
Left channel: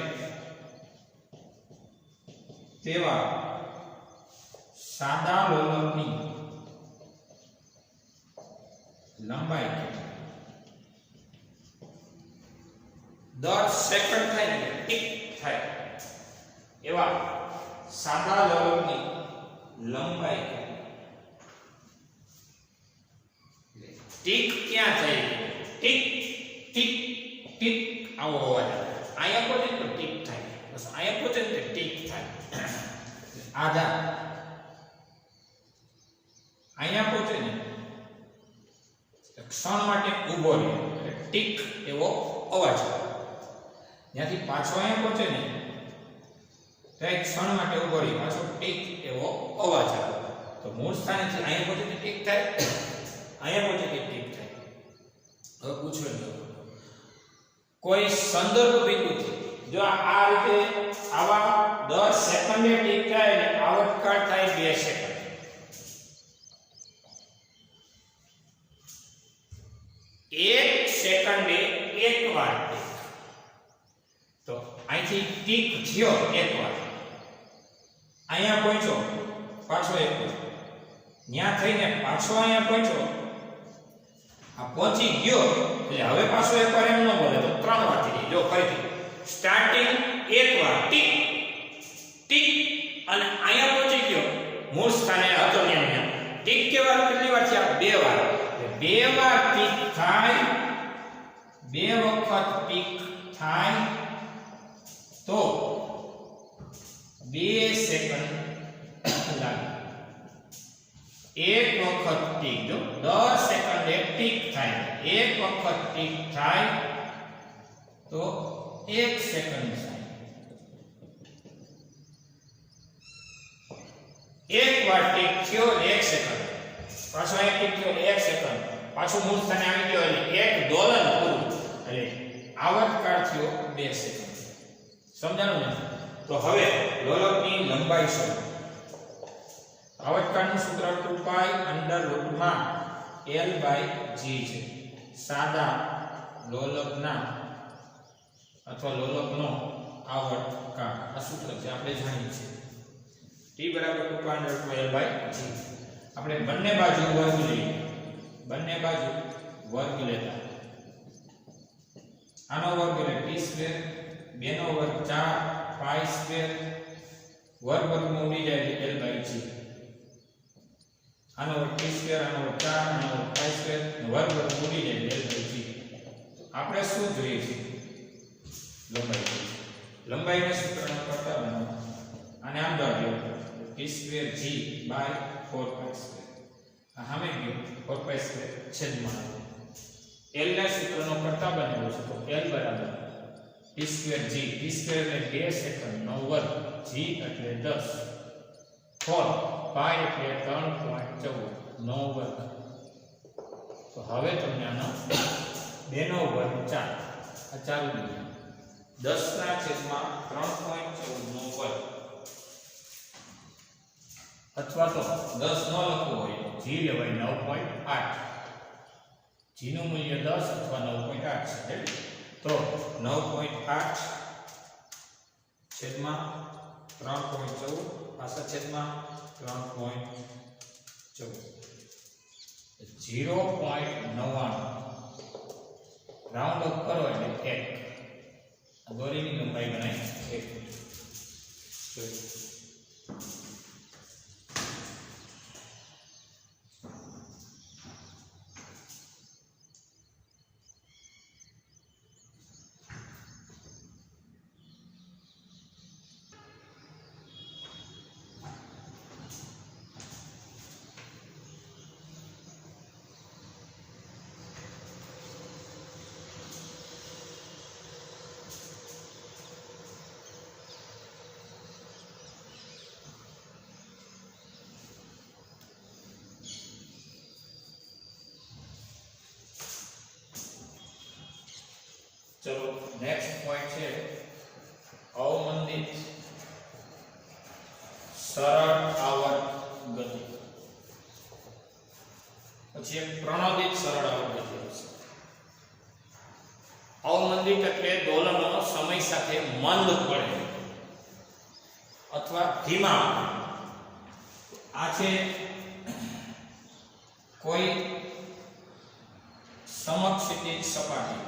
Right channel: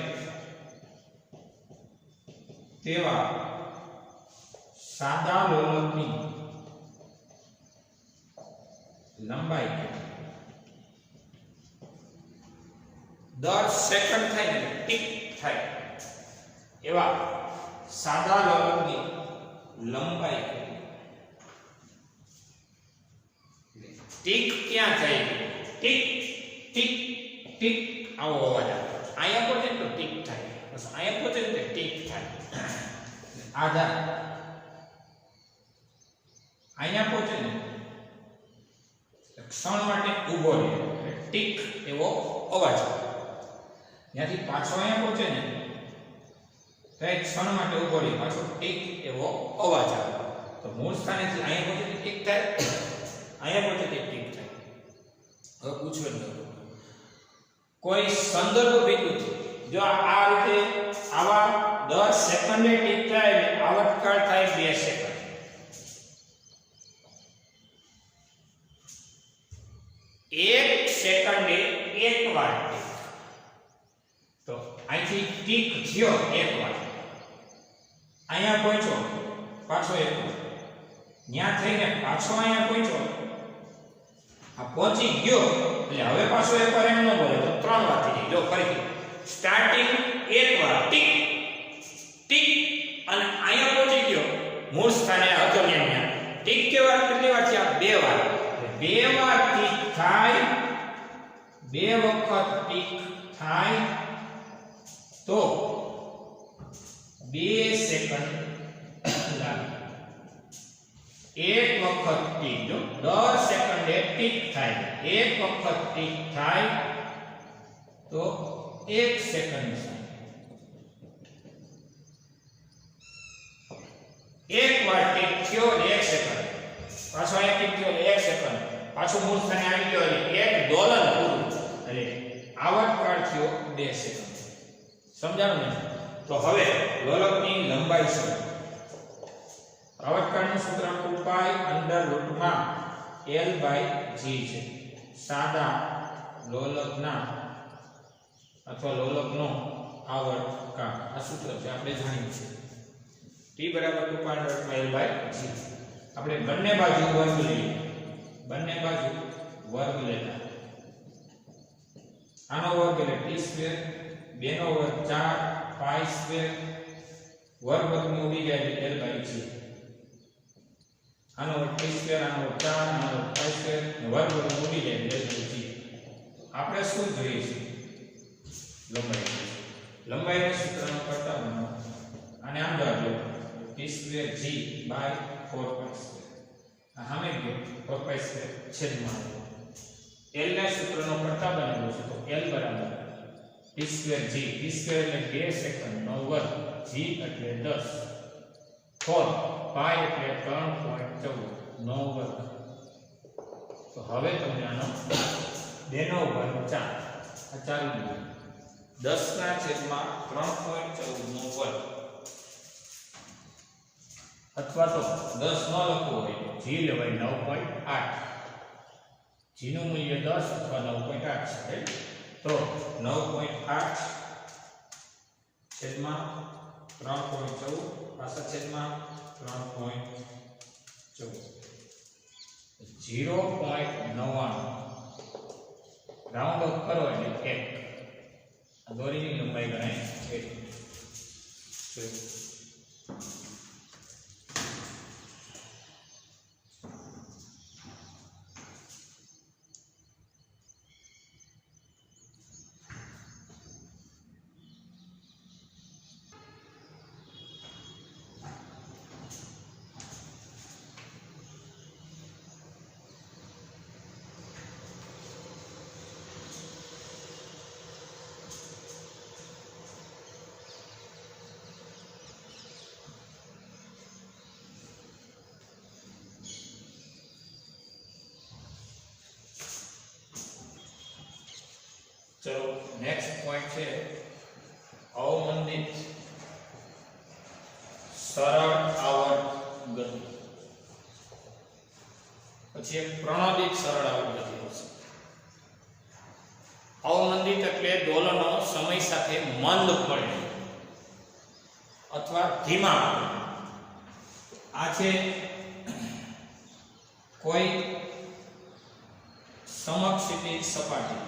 તેવા સાદા લોલકની લંબાઈ દર સેકન્ડ થાય ને ટીક થાય એવા સાદા લોલકની લંબાઈ ટીક ક્યાં થાય? ટીક ટીક ટીક આવો અવાજ આવે. અહીંયા પહોંચે તો ટીક થાય, બસ અહીંયા પહોંચે તો ટીક થાય. આધાર અહીંયા પહોંચે ને ક્ષણ માટે ઊભો રહે એટલે ટીક એવો અવાજ થાય. ત્યાંથી પાછો અહીંયા પહોંચે ને તો એક ક્ષણ માટે ઊભો રહે પાછો ટીક એવો અવાજ આવે. તો મૂળ સ્થાનેથી અહીંયા પહોંચે તો ટીક થાય, અહીંયા પહોંચે તો ટીક થાય. હવે પૂછો ને કોઈ સંદર્ભ બિંદુથી જો આ રીતે આવા 10 સેકન્ડે ટીક થાય એટલે આવર્તકાળ થાય 2 સેકન્ડ. એક સેકન્ડે એક વાર તો અહીંથી ટીક થયો એક વાર, અહીંયા પહોંચ્યો પાછો એક વાર, ત્યાં થઈને પાછો અહીંયા પહોંચ્યો, આ પહોંચી ગયો એટલે હવે પાછો એક વાર એમ ન બોલે તો 3 વાર થઈ જાય. જો ફરીથી સ્ટાર્ટિંગ એક વાર ટીક ટીક અને અહીંયા પહોંચી ગયો મૂળ સ્થાને હતો ત્યાં ટીક કેવા કેટલી વાર થયા? 2 વાર. 2 વાર ટીક થાય, 2 વખત ટીક થાય તો 2 સેકન્ડ લાગે. એક વખત ટીક જો 10 સેકન્ડે ટીક થાય, એક વખત ટીક થાય તો 1 સેકન્ડ થાય. એક વાર ટીક થયો 1 સેકન્ડ, પાછો એક ટીક થયો 1 સેકન્ડ, પાછું મૂળ સ્થાને આવી ગયો એટલે એક દોલન પૂરું એટલે આવર્તકાળ થયો 2 સેકન્ડ. સમજાણું ને? તો હવે લોલકની લંબાઈ શોધો. આવર્તકાળનું સૂત્ર 2π √L/g છે. સાદા લોલકના અથવા લોલકનો આવર્તકાળ આ સૂત્ર છે, આપણે જાણીએ છીએ. t T બરાબર 2 pi under L by G. આપણે બંને બાજુ વર્ગ લઈએ, બંને બાજુ વર્ગ લેતા આનો વર્ગ એટલે t સ્ક્વેર, બેનો વર્ગ 4 પાઈ સ્ક્વેર, વર્ગ વર્ગમાં ઉડી જાય એટલે L બાય G. આનો વર્ગ t સ્ક્વેર, આનો વર્ગ 4, આનો વર્ગ પાઈ સ્ક્વેર, વર્ગ વર્ગમાં ઉડી જાય એટલે L બાય G. આપણે શું જોઈએ છે? લંબાઈ. લંબાઈને સૂત્રનો કરતા બનાવો. આને આમ દોરો t square g by 4 pi square. આ સામે ગયો 4 પાઈ સ્ક્વેર છેદમાં L ના સૂત્રનો કરતા બનેલો છે તો L બરાબર t square g, t square એટલે 2 સેકન્ડ નો વર્ગ, g એટલે 10, 4 પાઈ એટલે 3.14 નો વર્ગ. તો હવે તમને આનો 2 નો વર્ગ 4 આ ચાલુ છે 10 ના છેદમાં 3.14 નો વર્ગ, અથવા તો 10 ન લખવું હોય તો g લેવાય 9.8. g નું મૂલ્ય 10 અથવા 9.8 છે. તો 9.8 છેદમાં 3.14 પાછા છેદમાં 3.14 0.99 રાઉન્ડ ઓફ કરો એટલે 1. દોરીની લંબાઈ ગણાય 1. चलो नेक्स्ट पॉइंट है अवमंदित सरल आवर्त गति, પછી એક પ્રણોદિત સરળ આવર્ત ગતિ છે. અવમંદિત એટલે દોલનો સમય સાથે મંદ પડે અથવા ધીમા. આ છે કોઈ સમક્ષિતિજ સપાટી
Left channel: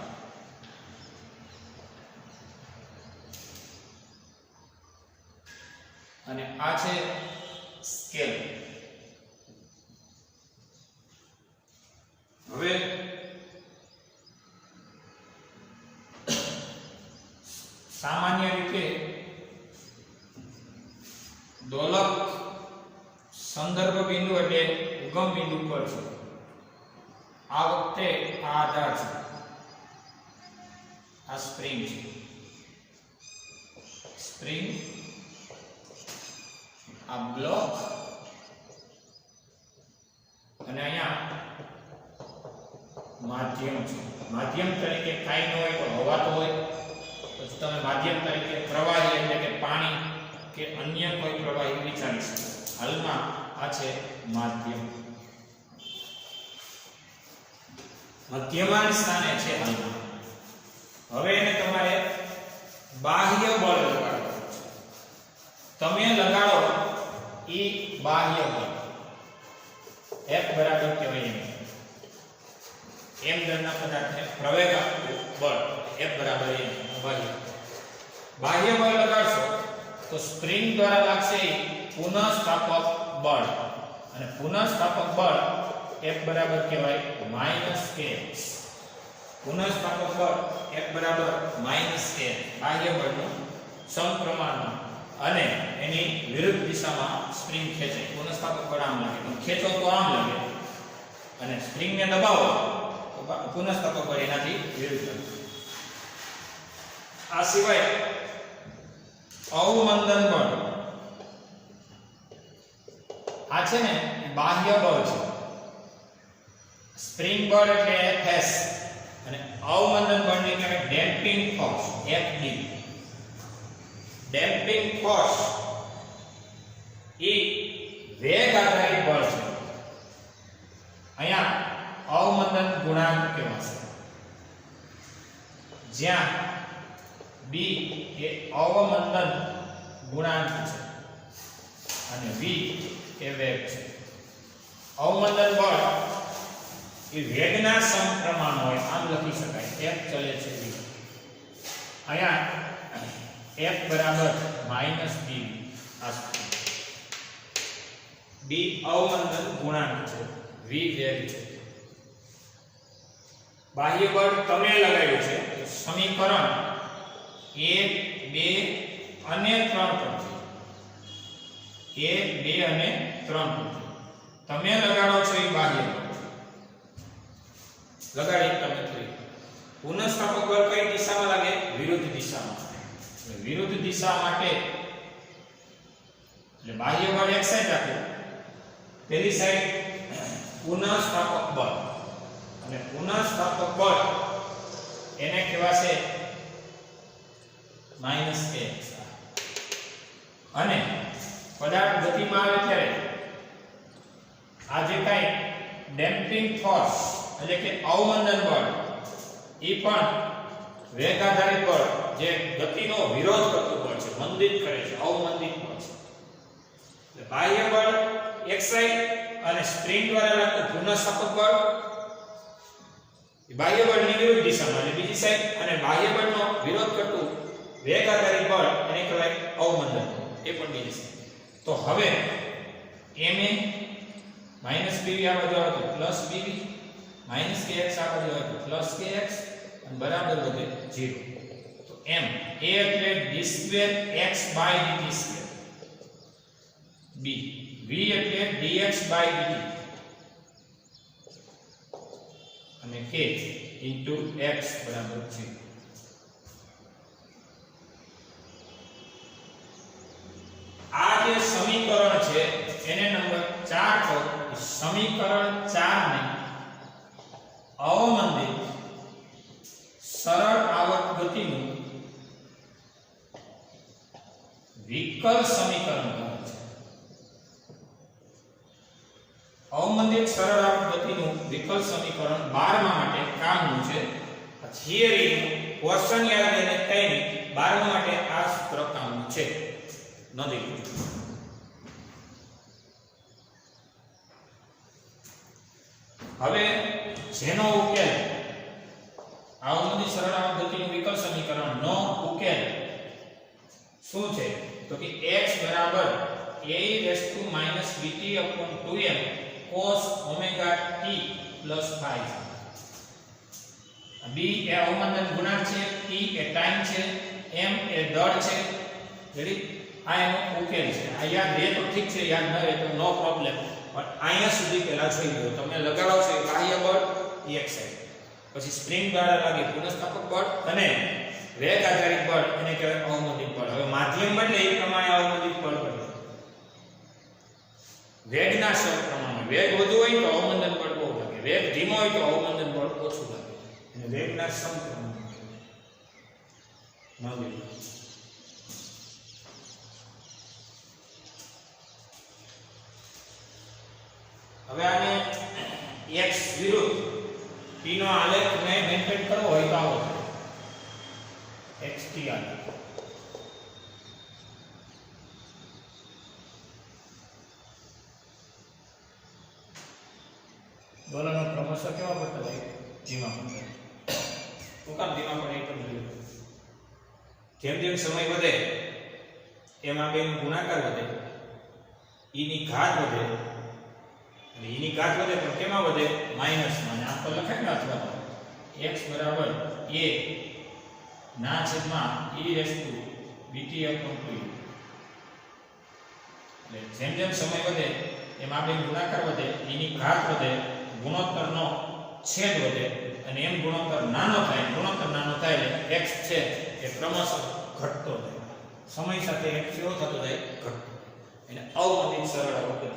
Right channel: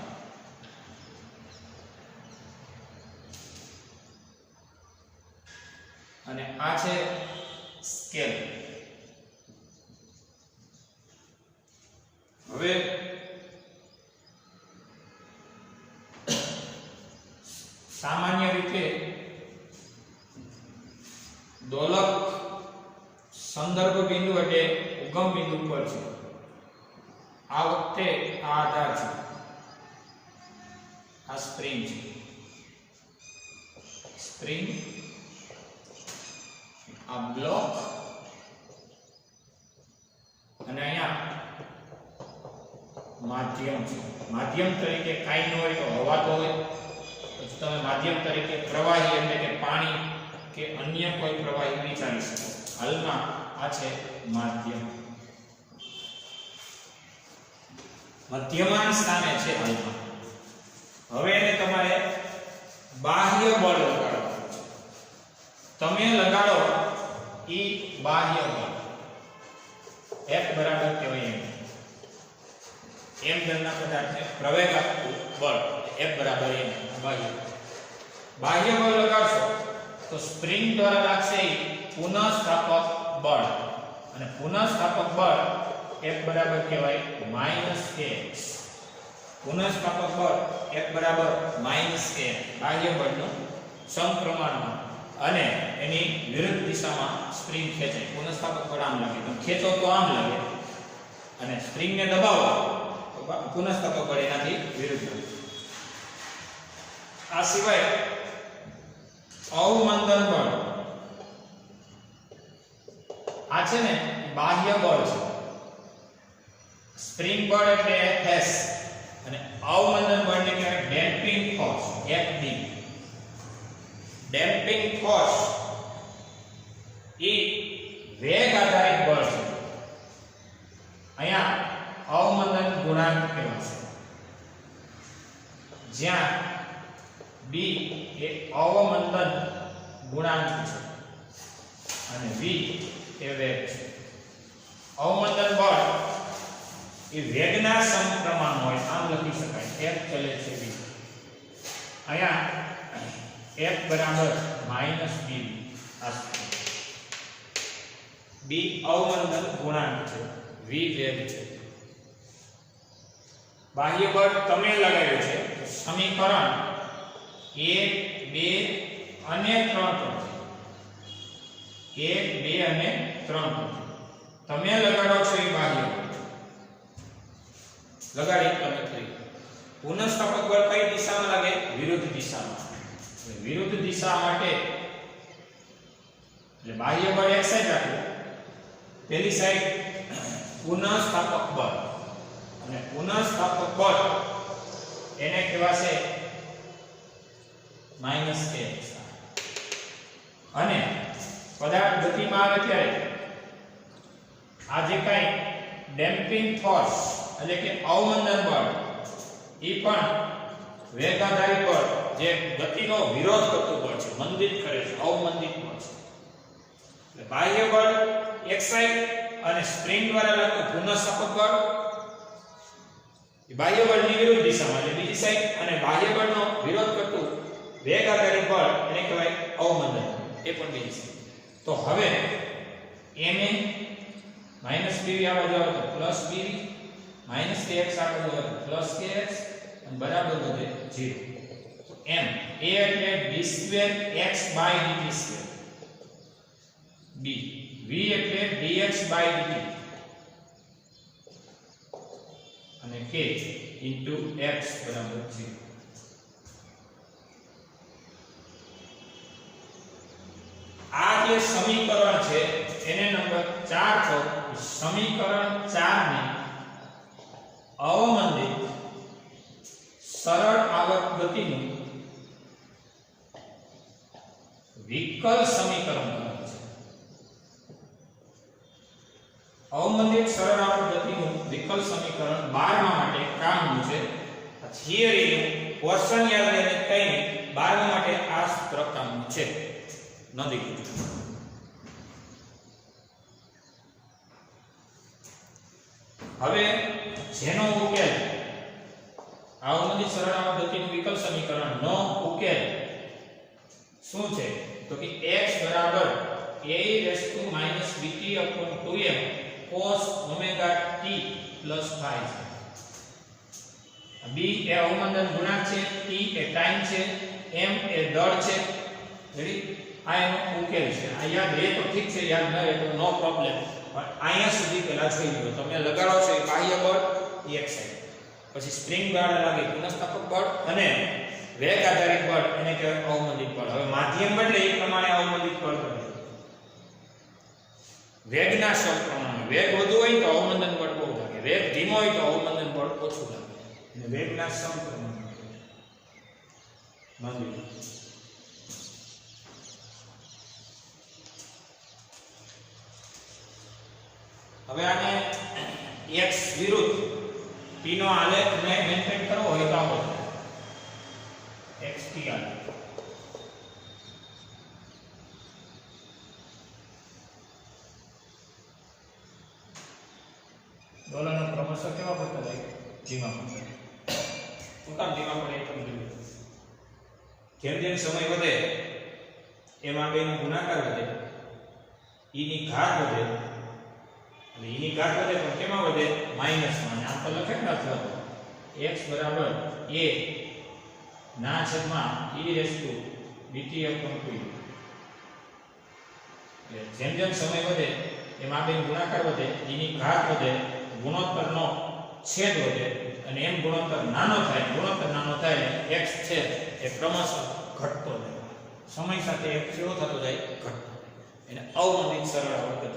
અને આ છે સ્કેલ. હવે સામાન્ય રીતે દોલક સંદર્ભ બિંદુ એટલે ઉગમ બિંદુ પર છે. આ વખતે આ આધાર છે, આ સ્પ્રિંગ છે. સ્પ્રિંગ, આ બ્લોક અને અહીંયા માધ્યમ છે. માધ્યમ તરીકે કાંઈ ન હોય તો હવા તો હોય, પછી તમે માધ્યમ તરીકે પ્રવાહી એટલે કે પાણી કે અન્ય કોઈ પ્રવાહી વિચારી શકો. હાલમાં આ છે માધ્યમ, મધ્યમાન સ્થાને છે હાલમાં. હવે એને તમારે બાહ્ય બળ લગાડવાનું છે. તમે લગાડો એ બાહ્ય બળ F બરાબર કહેવાય એમ દળના પદાર્થને પ્રવેગ આપતું બળ F બરાબર m. બાહ્ય બળ લગાડશો તો સ્પ્રિંગ દ્વારા લાગશે પુનઃસ્થાપક બળ, અને પુનઃસ્થાપક બળ F બરાબર કહેવાય -kx. પુનઃસ્થાપક બળ F બરાબર -k બાહ્ય બળનું સમપ્રમાણમાં, અને એની વિરુદ્ધ દિશામાં સ્પ્રિંગ ખેંચે. પુનઃસ્થાપક બળ આમ લાગે, ખેંચો તો આમ લાગે, અને સ્પ્રિંગને દબાવો તો પુનઃસ્થાપક બળ એનાથી વિરુદ્ધ. આ સિવાય અવમંદન બળ, આ છે ને બાહ્ય બળ છે. સ્પ્રિંગ બળ એટલે Fs અને અવમંદન બળને કહેવાય damping force Fd. Damping force એ વેગ આધારિત બળ છે. અહીંયા અવમંદન ગુણાંક કહેવાશે, જ્યાં B એ અવમંદન ગુણાંક છે અને v એ વેગ છે. અવમંદન બળ એ વેગના સમપ્રમાણ હોય, આમ લખી શકાય. f ચલે છે v. અહીંયા f બરાબર -bv આ b અવમંદન ગુણાંક છે, v વેગ છે. બાહ્ય બળ તમે લગાવ્યું છે તો સમીકરણ 1 2 અને 3 પરથી 1 2 અને 3 પરથી તમે લગાડો છો એ બાહ્ય બળ લગાડી તમે કરી. પુનઃસ્થાપક બળ કઈ દિશામાં લાગે? વિરુદ્ધ દિશામાં. એટલે વિરુદ્ધ દિશા માટે એટલે બાહ્ય બળ એક સાઈડ રાખો, પેલી સાઈડ પુનઃસ્થાપક બળ, અને પુનઃસ્થાપક બળ એને કહેવાશે -kx. અને પદાર્થ ગતિમાં આવે ત્યારે આ જે કાંઈ ડેમ્પિંગ ફોર્સ એટલે કે અવમંદન બળ એ પણ વેગ આધારિત બળ જે ગતિનો વિરોધ કરતું બળ છે, મંદિત કરે છે, અવમંદિત બળ છે. એટલે બાહ્ય બળ એક સાઈડ અને સ્પ્રિંગ દ્વારા લાગતું પુનઃસ્થાપક બળ એ બાહ્ય બળની વિરુદ્ધ દિશામાં એટલે બીજી સાઈડ, અને બાહ્ય બળનો વિરોધ કરતું વેગ આધારિત બળ એને કહેવાય અવમંદન, એ પણ બીજી સાઈડ. તો હવે ma -bv આ બાજુ આવે તો +bv, -kx આ બાજુ આવે તો +kx અને બરાબર વધે 0. તો m a એટલે d2x/dt², b v એટલે dx/dt અને k x બરાબર 0. આ જે સમીકરણ છે એને નંબર 4 કહો. સમીકરણ 4 ને અવમંદિત સરળ આવર્ત ગતિનું વિકલ સમીકરણ કહે છે. અવમંદિત સરળ આવર્ત ગતિનું વિકલ સમીકરણ 12મા માટે કામનું છે. આ થિયરી ક્વેશ્ચન યાદ લઈને કઈ નહીં, 12મા માટે આ સૂત્ર કામનું છે. નોંધી હવે જેનો ઉકેલ અવમંદિત સરળ આવર્ત ગતિનું વિકલ સમીકરણ નો ઉકેલ શું છે? તો કે x બરાબર a-bt/2m cos omega t plus phi છે. b એ અવમંદન ગુણાંક છે, t એ ટાઈમ છે, m એ દળ છે. રેડી? આ એનો ઉકેલ છે. આ યાદ રહે તો ઠીક છે, યાદ ન રહે તો નો પ્રોબ્લેમ. પણ અહીંયા સુધી પહેલા જોઈ લો. તમે લગાડો છો એ બાહ્ય બળ એક સાઈડ, પછી સ્પ્રિંગ દ્વારા લાગે પુનઃસ્થાપક બળ, અને વેગ આધારિત બળ એને કહેવાય અવમંદિત બળ. હવે માધ્યમ બદલે એ પ્રમાણે અવમંદિત બળ બદલે. વેગના સમપ્રમાણ, વેગ વધુ હોય તો અવમંદન બળ બહુ લાગે, વેગ ધીમો હોય તો અવમંદન બળ ઓછું લાગે. અને વેગના સમપ્રમાણ નોંધી. હવે આને x વિરુદ્ધ t નો આલેખ ને મેન્ટેન કરવો હોય તો આવો xt આલેખ. ડોલરનો ક્રમશઃ કેવા પડતા જાય? ધીમા પડતા. શું કામ ધીમા પડે? એ તમને જેમ જેમ સમય વધે એમ આ બેનો ગુણાકાર વધે, e ની ઘાત વધે. એટલે e ની ઘાત વધે પણ કેમાં વધે? માઈનસમાં. આમ તો લખે ને અથવા તો x બરાબર a ના છેદમાં e⁻bt/2. એટલે જેમ જેમ સમય વધે એમ આ બેનો ગુણાકાર વધે, e ની ઘાત વધે, ગુણોત્તરનો છેદ વધે, અને એમ ગુણોત્તર નાનો થાય એટલે x છે એ ક્રમશઃ ઘટતો જાય. સમય સાથે x કેવો થતો જાય? ઘટતો. એટલે અવમંદિત સરળ આવર્ત ગતિ.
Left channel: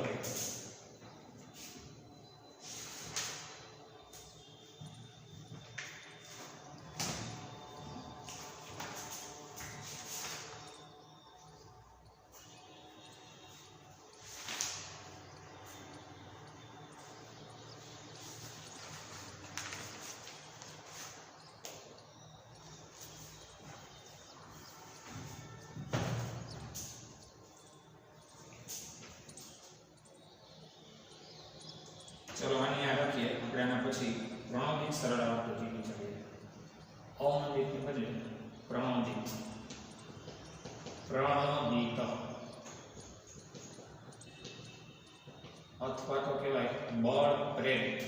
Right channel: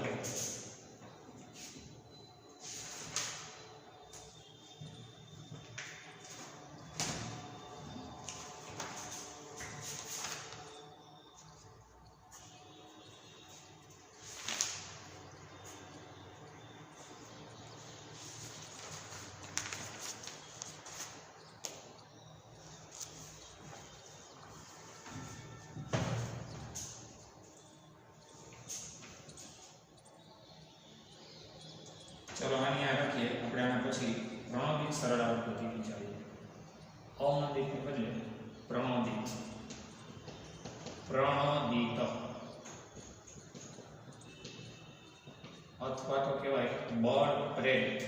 ચલો આને યાદ રાખીએ. આપણે આના પછી પ્રણોદિત સરળ આવર્ત ગતિ વિચારીએ. અવમંદિતને બદલે પ્રણોદિત અથવા તો કહેવાય બળ પ્રેરિત.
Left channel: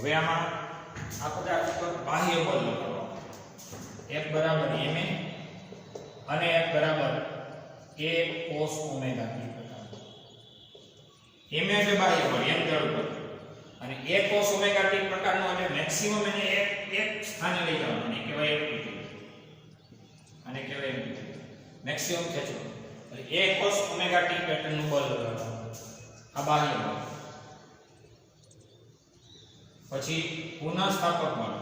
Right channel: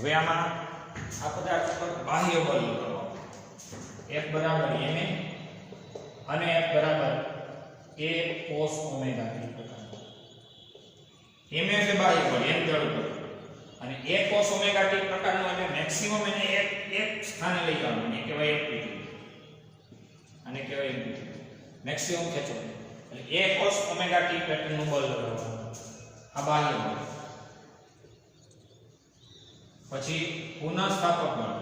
હવે આમાં આ પદાર્થ પર બાહ્ય બળ લગાવવાનું. F બરાબર ma અને F બરાબર a cos ઓમેગા t પ્રકારનું. ma એટલે બાહ્ય બળ, m દળ બળ અને a cos ઓમેગા t પ્રકારનું એટલે મેક્સિમમ એને એક સ્થાને લઈ જવાનું. અને કહેવાય એમ્પ્લિટ્યુડ. અને કહેવાય એમ્પ્લિટ્યુડ મેક્સિમમ ખેંચો એટલે a cos ઓમેગા t પેટર્નનું બળ લગાવવાનું. આ બાહ્ય બળ. પછી પુનઃસ્થાપક બળ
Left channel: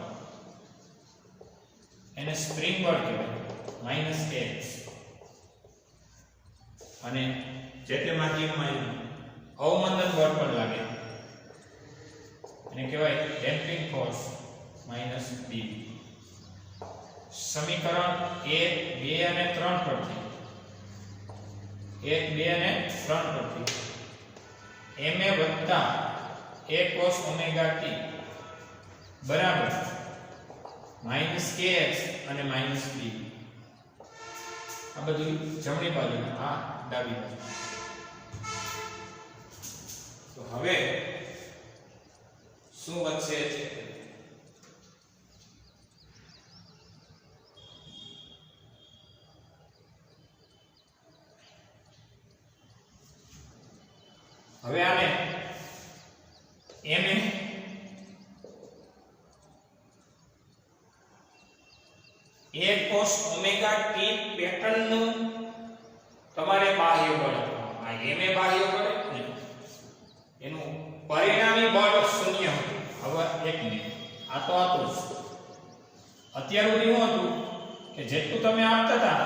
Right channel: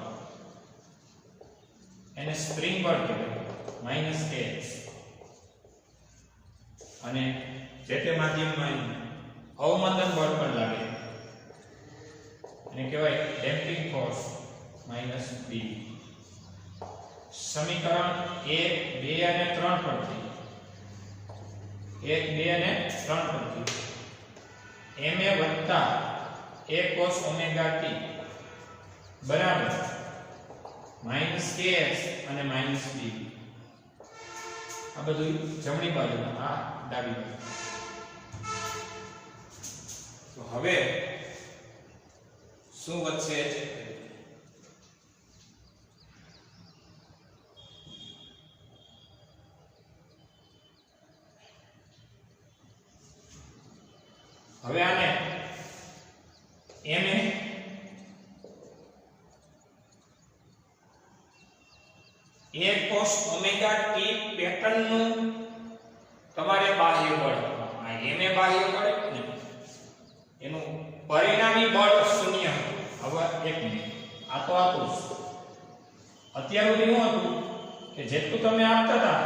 એને સ્પ્રિંગ બળ કહેવાય -x અને જે તે માધ્યમમાં અવમંદન બળ પણ લાગે એને કહેવાય ડેમ્પિંગ ફોર્સ -b. સમીકરણ 1 2 અને 3 પરથી 1 2 અને 3 પરથી ma વત્તા a cos ઓમેગા t બરાબર -kx અને -b. આ બધું જમણી બાજુના, આ ડાબી બાજુ. તો હવે શું વધશે? હવે આને ma a cos omega t પેટર્નનું તમારે બાહ્ય બળ આપવાનું. આ ma બાહ્ય બળ ને એનું પરિણામી બળ શૂન્ય હતું. હવે એક મિનિટ, આ તો હતું જ. અત્યાર સુધી શું હતું કે જેટલું તમે આપતા હતા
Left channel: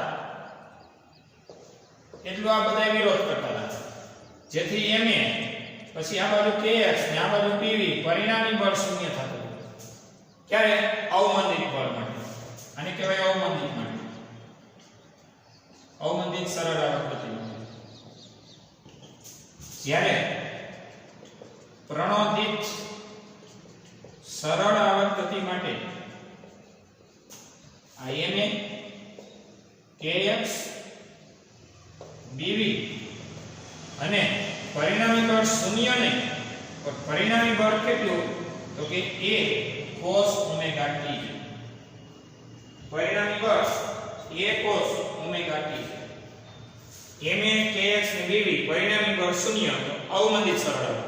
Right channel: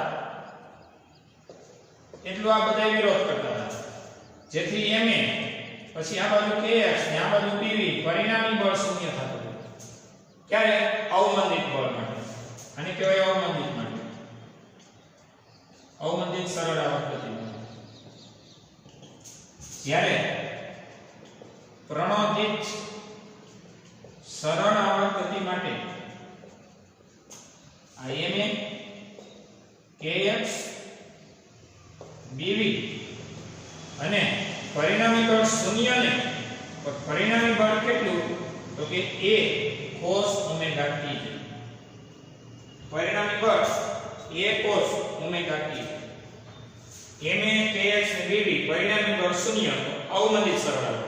એટલું આ બધા વિરોધ કરતા હતા, જેથી ma પછી આ બાજુ kx ને આ બાજુ pv પરિણામી બળ શૂન્ય થતું હતું. ક્યારે? અવમંદિત બળ માટે. આને કહેવાય અવમંદિત માટે, અવમંદિત સરળ આવર્ત ગતિ. જ્યારે પ્રણોદિત સરળ આવર્ત ગતિ માટે આ ma kx bv અને પરિણામી બળ શૂન્ય નહીં, પણ પરિણામી બળ કેટલું? તો કે a cos ઓમેગા t. પરિણામી બળ a cos omega t. ma kx ને bv પરિણામી બળ શૂન્ય, તો અવમંદિત સરળ આવર્ત.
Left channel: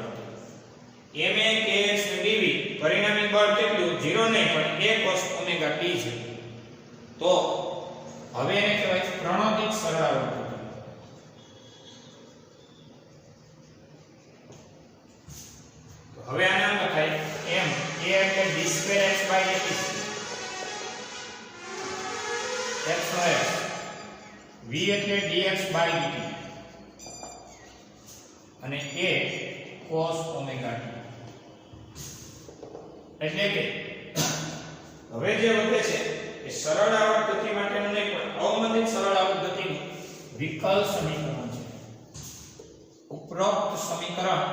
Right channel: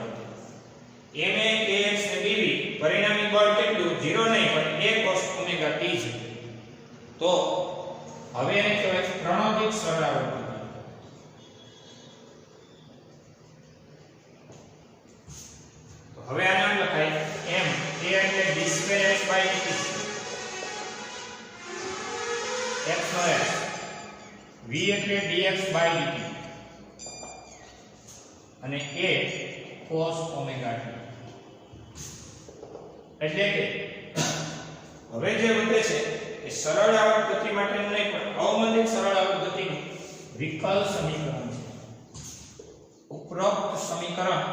ma kx ને bv પરિણામી બળ કેટલું? 0 નહીં, પણ a cos ઓમેગા t છે. તો હવે એને કહેવાય પ્રણોદિત સરળ આવર્ત. હવે આ નામ લખાય m. a એટલે d2x/dt x નો x, v એટલે dx/dt અને a cos ઓમેગા t. એટલે કે હવે જે વધે છે એ સરળ આવર્ત ગતિ માટેનું નહીં, પણ અવમંદિત સરળ આવર્ત ગતિનું વિકલ સમીકરણ છે. ઉપરોક્ત સમીકરણ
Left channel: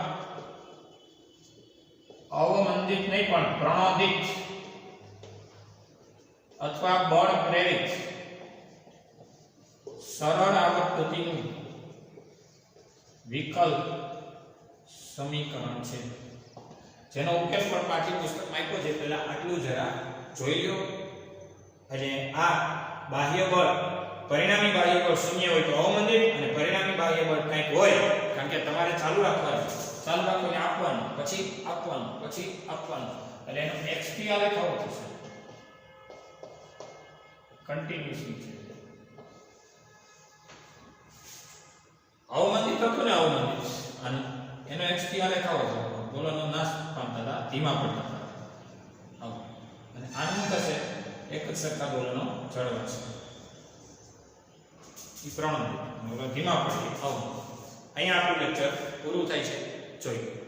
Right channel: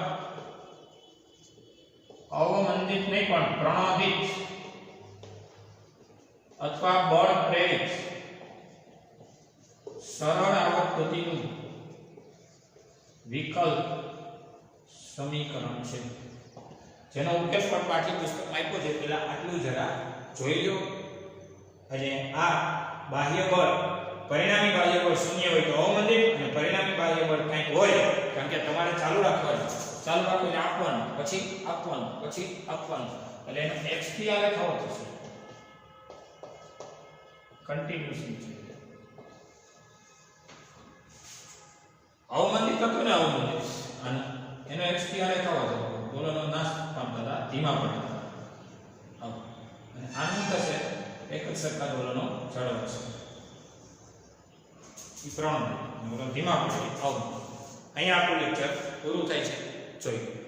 અવમંદિત નહીં પણ પ્રણોદિત અથવા બળ પ્રેરિત સરળ આવર્ત ગતિનું વિકલ સમીકરણ છે, જેનો ઉકેલ પણ પાઠ્યપુસ્તકમાં આપ્યો છે. પહેલા આટલું જરા જોઈ લો. એટલે આ બાહ્ય બળ, પરિણામી બાહ્ય બળ શૂન્ય હોય તો અવમંદિત, અને પરિણામી બાહ્ય બળ કંઈક હોય, કારણ કે તમારે ચાલુ રાખવાનું, ચાલુ રાખીને આપવાનું, પછી આપવાનું, પછી આપવાનું, એટલે એનો x થી આ લેખાઓ થશે કન્ટિન્યુઅસલી. અવમંદિત હતું ને, અવમંદિત, અને એનો x થી આ લેખાઓ થતો, દોલનો નાશ પામતા હતા, ધીમા પડતા હતા. એક સરખા દોલનો જળવાશે. એ 3 ધીમા પડે આવું. અહીંયા આપણું લેક્ચર પૂરું થાય છે. જોઈ